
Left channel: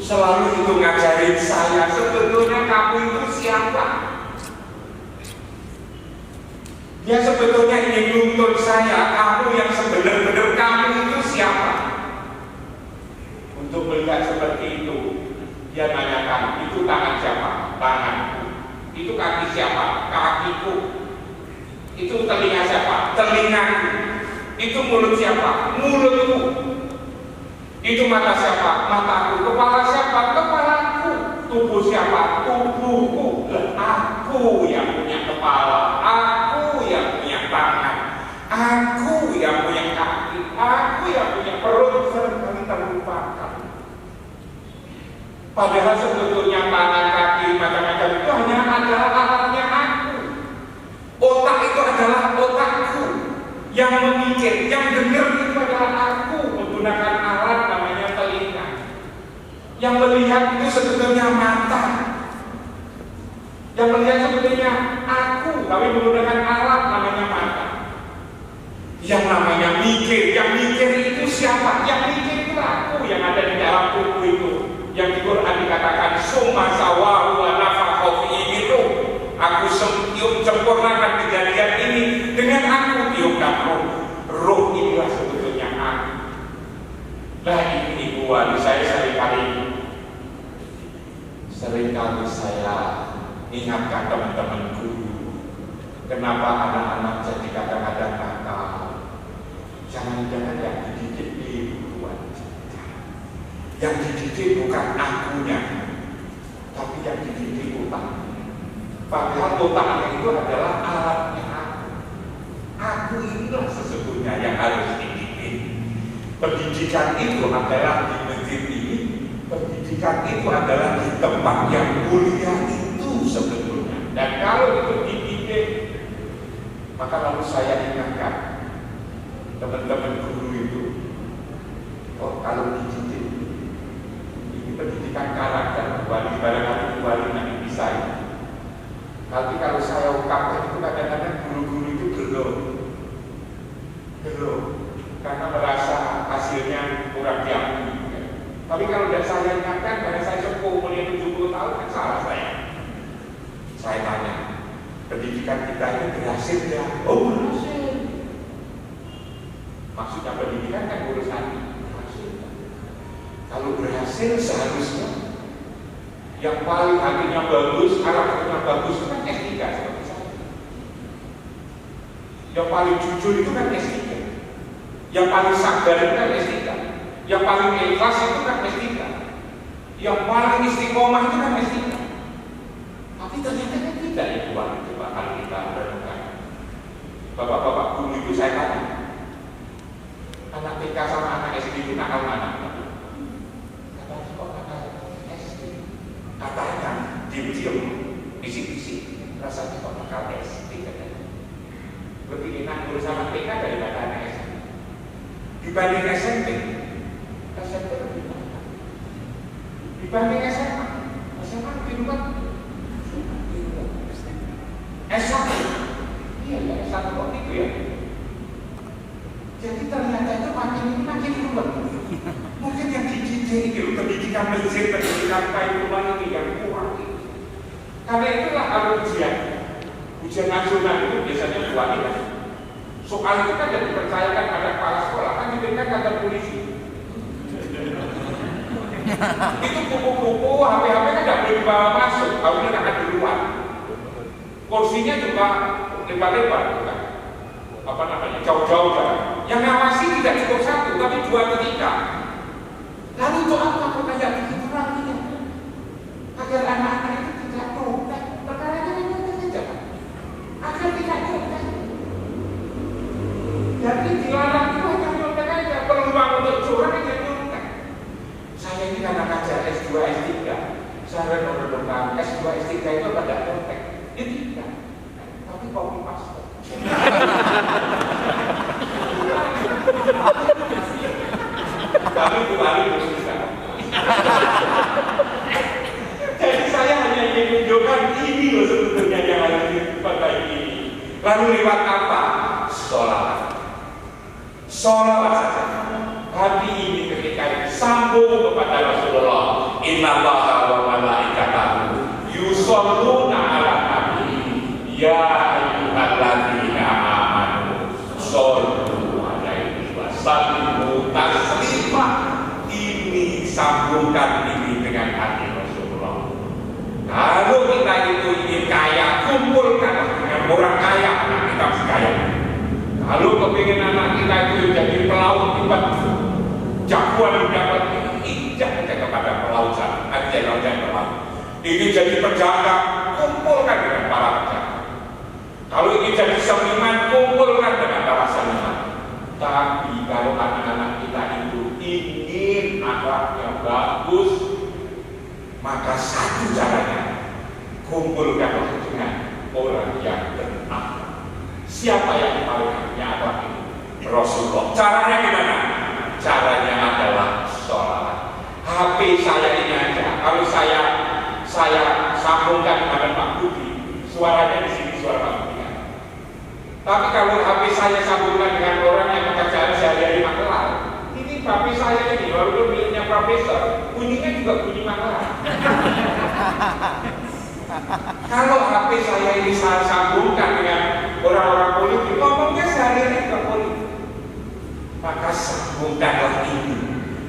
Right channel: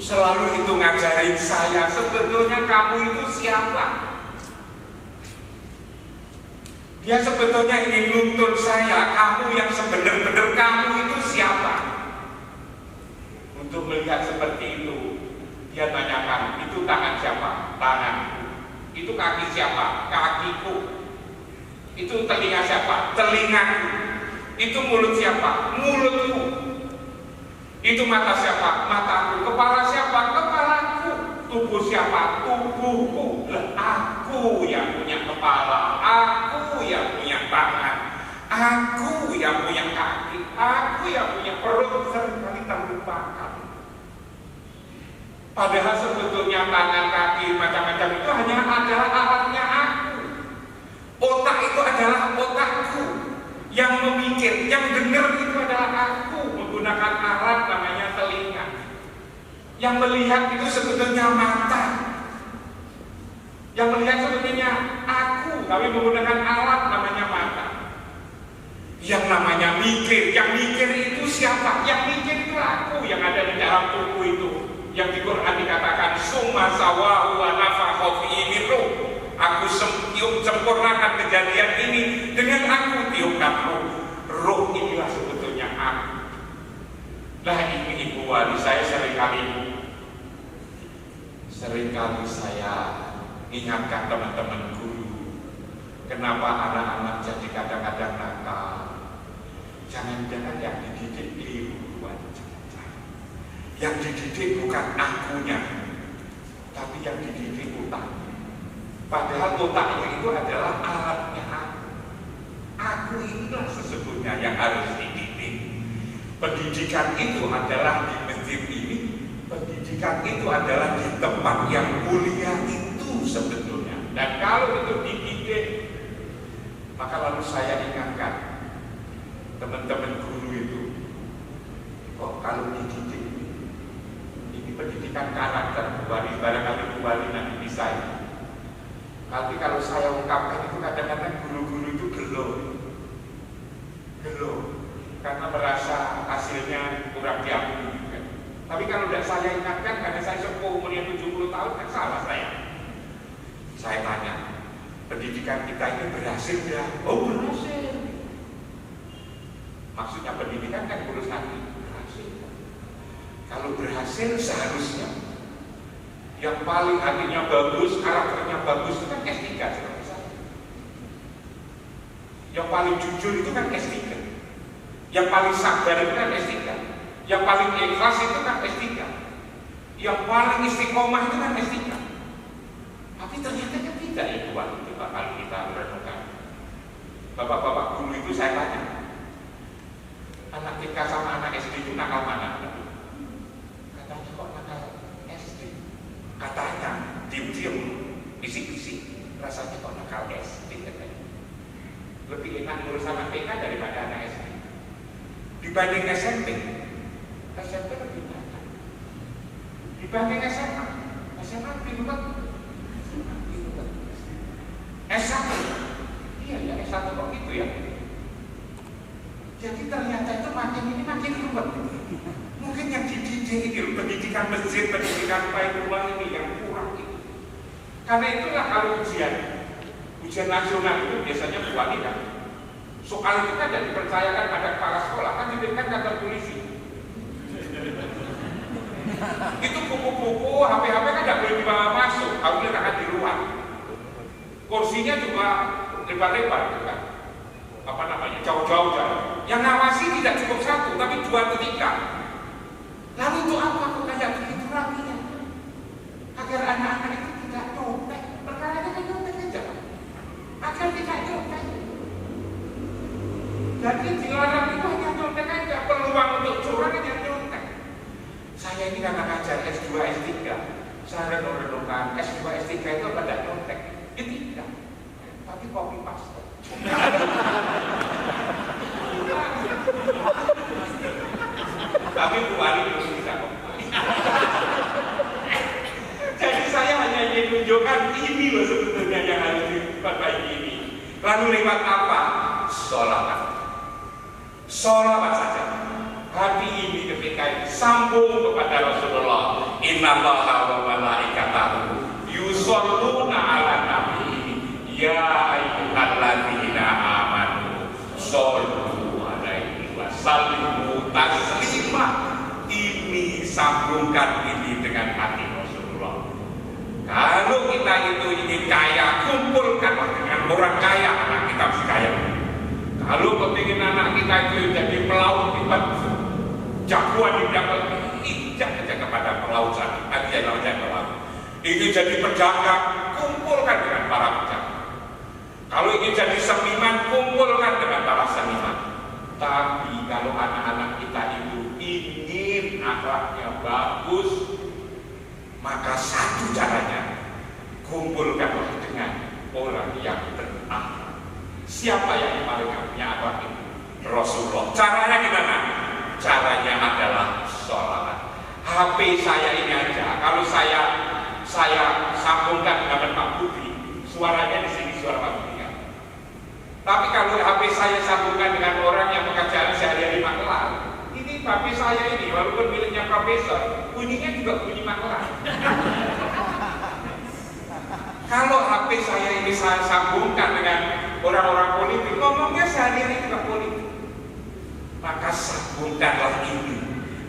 selalu itu ngajarin saya, sebetulnya kamu itu siapa? Dia sebetulnya ingin nuntut saya, kamu yang sebenar-benar kamu itu siapa? Untuk melihat seperti itu, dia nanyakan, itu tangan siapa? Tanganku. Itu kaki siapa? Kakiku. Itu telinga siapa? Telingaku. Itu mulut siapa? Mulutku. Itu mata siapa? Mataku. Kepala siapa? Kepalaku. Tubuh siapa? Tubuhku. Aku yang punya kepala, aku yang punya tangan, aku yang punya kaki, aku yang punya perut. Seringkali terlupakan. Padahal sebetulnya tangan, kaki, macam-macam itu hanya adalah alatnya aku. Otak itu adalah otakku. Yang memikir, yang benar itu adalah aku, menggunakan alat namanya telinga. Yang melihat itu sebetulnya mata. Yang melihat sebetulnya aku, kami menggunakan alat namanya mata. Yang namanya mikir, yang mikir itu siapa? Yang mikir itu aku yang ada di dalam tubuh itu. Yang di Quran dikatakan summa sawahu wa nafakha fihi itu. Aku sempurnakan kejadian ini dengan aku tiupkan roh. Roh inilah sebetulnya aku. Nah ini ibu wali saya seringkali saya ingatkan teman-teman guru, kenapa anak-anak jadi kadang-kadang nakal. Jangan-jangan yang dididik di luar saja. Yang dididik bukan akunya, tapi yang dididik otak. Padahal otaknya itu adalah alatnya aku. Aku inilah sesungguhnya yang harus dididik. Pendidikan itu adalah di masjid ini. Pendidikan itu adalah di tempat yang mulia itu sebetulnya. Dan kalau itu dididik, maka lalu saya ingatkan teman-teman guru itu, oh kalau dididik ini pendidikan karakter kembali, barangkali kembali nanti bisa ini. Tapi kalau saya ungkapkan itu kadang-kadang guru-guru itu gelo, karena merasa hasilnya kurang diakui. Tapi kalau tidak saya ingatkan, karena saya sepuh umurnya 70 tahun, kan salah saya. Saya tanya, pendidikan kita ini berhasil ya? Oh berhasil. Maksudnya pendidikan kan urusan berhasil. Kalau berhasil seharusnya yang paling hatinya bagus, karakternya bagus itu kan S3 seperti saya. Yang paling jujur itu kan S3. Yang paling sabar itu kan S3. Yang paling ikhlas itu kan S3. Yang paling istiqomah itu kan S3. Tapi ternyata kan tidak itu Pak, kalau kita renungkan. Bapak-bapak guru itu saya tanya, anak TK sama anak SD itu nakal mana? Katanya kok nakal SD. Katanya diam-diam, bisik-bisik, rasanya kok nakal SD. Lebih enak ngurus sama TK daripada anak SD. Dibanding SMP lebih banyak. Dibanding SMA lebih banyak. S1, iya ya S1 kok gitu ya. Jadi ternyata itu makin rumit. Mungkin yang dididik itu pendidikan masjid, pendidikan Paikulan ini yang kurang. Karena itulah kalau ujian nasional itu biasanya buat kita. Soal itu kan jadi dipercayakan pada kepala sekolah, kan diberikan kantor polisi. Itu buku-buku, HP-HP kan tidak boleh dibawa masuk, harusnya akan di luar. Kursinya juga lebar-lebar, bukan? Apa namanya? Jauh-jauh jalan. Yang ngawasi tidak cukup satu, tapi 2 atau 3. Lalu untuk apa kok kayak begitu lagi ya? Agar anak-anak itu tidak nyontek, perkaranya kan nyontek saja. Agar tidak nyontek. Jadi dilarang itu hanya nyontek aja, peluang untuk curang hanya nyontek. Saya ini karena ngajar S2, S3, saya merenungkan S2, S3 itu pada nyontek. Ini tidak, tapi copy paste. Tapi kembali bersusah. Jadi saya hanya ingin menunjukkan ini loh sebetulnya yang harus diperbaiki ini. Lalu lewat apa? Sholawat saja. Hati ini ketika sambung kepada Rasulullah, innallaha wa malaikatahu yusholluna 'alan nabi ya ayyuhalladzina amanu shollu 'alaihi wa sallimu taslima. Ini sambungkan ini dengan hati Rasulullah. Kalau kita itu ingin kaya, kumpulkan dengan orang kaya, anak kita mesti kaya. Kalau kepingin anak kita itu jadi pelaut hebat, jagoan di dapat, injak aja kepada pelautan, aja pelaut. Ingin jadi pedagang, kumpulkan dengan para pedagang. Kalau ingin jadi seniman, kumpulkan dengan para seniman. Tapi kalau anak-anak kita itu ingin akhlaknya bagus, maka satu caranya, kumpulkanlah dengan orang yang berakhlak. Siapa yang paling punya akhlak ini? Rasulullah. Caranya gimana? Caranya adalah sholat. HP saya ini aja, kalau saya sambungkan dengan Pak Budi, suaranya di sini suara Pak Budi. Tapi kalau HP saya sambungkan dengan orang yang pekerjaan sehari-hari Magelang, ini HP saya ini walaupun miliknya profesor, bunyinya juga bunyi Magelang. Kalau HP saya ini saya sambungkan dengan orang-orang politik, ngomongnya sehari-hari juga politik, maka sambungkanlah ini.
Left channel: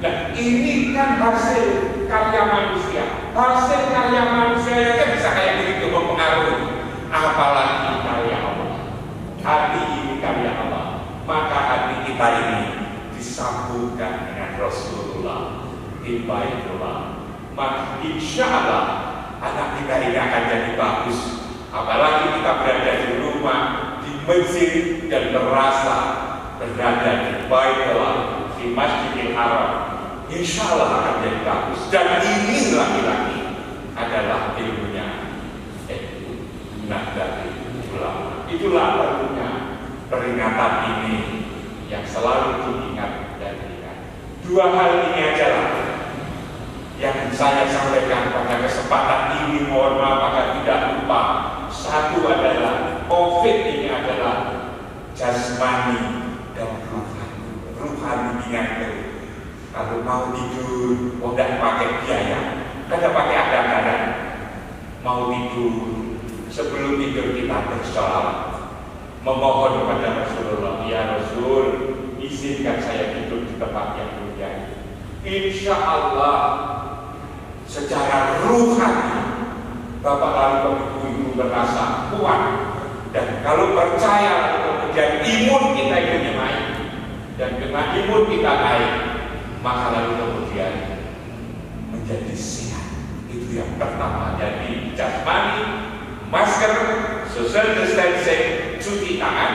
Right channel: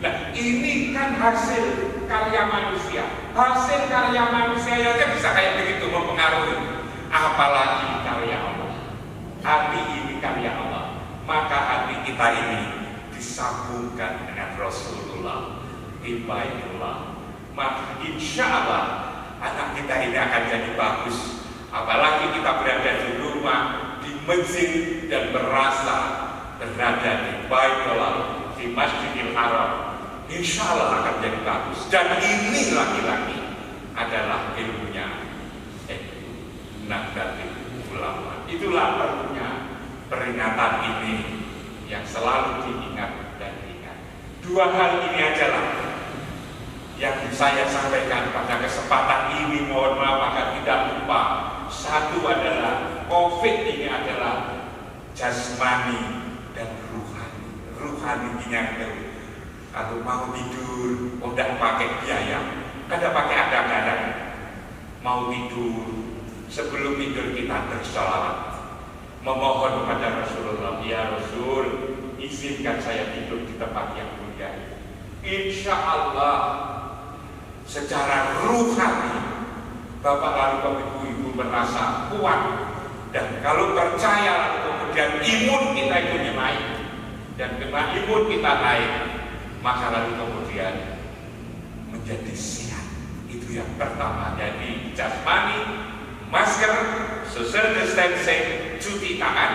Nah, ini kan hasil karya manusia. Hasil karya manusia aja bisa kayak begitu mempengaruhi, apalagi karya Allah. Hati ini karya Allah, maka hati kita ini disambungkan dengan Rasulullah di Baitullah. Maka insya Allah anak kita ini akan jadi bagus. Apalagi kita berada di rumah, di masjid, dan berasa berada di Baitullah, di Masjidil Haram, insya Allah akan jadi bagus. Dan ini lagi-lagi adalah ilmunya Nahdlatul Ulama. Itulah perlunya peringatan ini yang selalu diingat dan diingat. Dua hal ini aja lah yang saya sampaikan pada kesempatan ini. Mohon maaf agar tidak lupa. Satu adalah COVID ini adalah jasmani dan ruhani. Ruhaninya itu kalau mau tidur, udah pakai biaya, kada pakai ada-ada. Mau tidur, sebelum tidur kita bersolat, memohon kepada Rasulullah, ya Rasul, izinkan saya tidur di tempat yang mulia. Insya Allah secara ruhani Bapak lalu ibu-ibu merasa kuat, dan kalau percaya kemudian imun kita itu naik, dan dengan imun kita naik, maka lalu kemudian menjadi sehat. Itu yang pertama. Jadi jasmani, masker, social distancing, cuci tangan.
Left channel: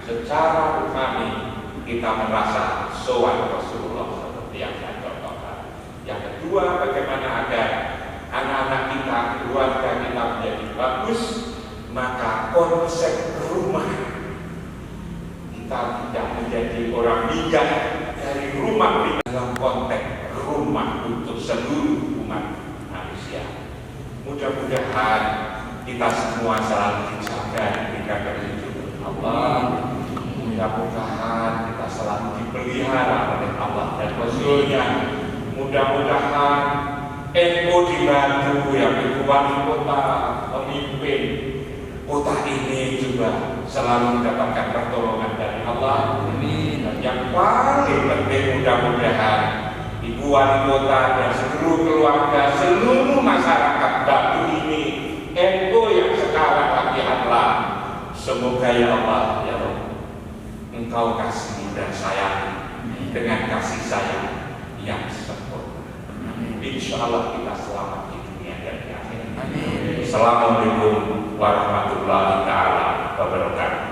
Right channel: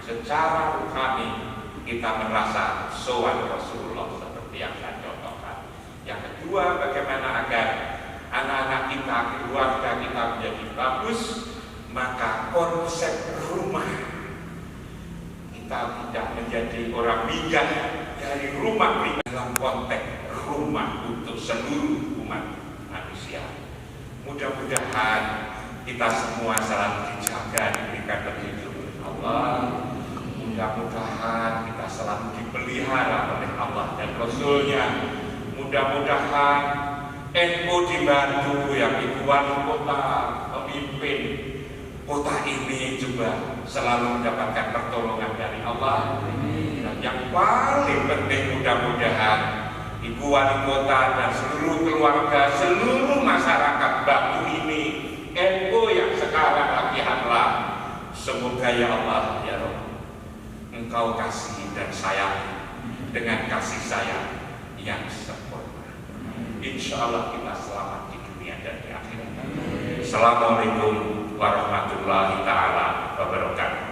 Secara rohani kita merasa sowan Rasulullah seperti yang saya contohkan. Yang kedua, bagaimana agar anak-anak kita, keluarga kita menjadi bagus, maka konsep rumah kita tidak menjadi orang bijak dari rumah dalam konteks rumah untuk seluruh umat manusia. Mudah-mudahan kita semua selalu dijaga diberikan perlindungan Allah. Mudah-mudahan kita selalu dipelihara oleh Allah dan Rasulnya. Mudah-mudahan NU dibantu, yang ibu wali kota pemimpin kota ini juga selalu mendapatkan pertolongan dari Allah. Dan yang paling penting, mudah-mudahan ibu wali kota dan seluruh keluarga, seluruh masyarakat Batu ini, NU yang sekarang latihanlah. Semoga ya Allah, ya Rabb, Engkau kasih dan sayang dengan kasih sayang yang sempurna. Insya Allah kita selamat di dunia dan di akhirat. Assalamualaikum warahmatullahi taala wabarakatuh.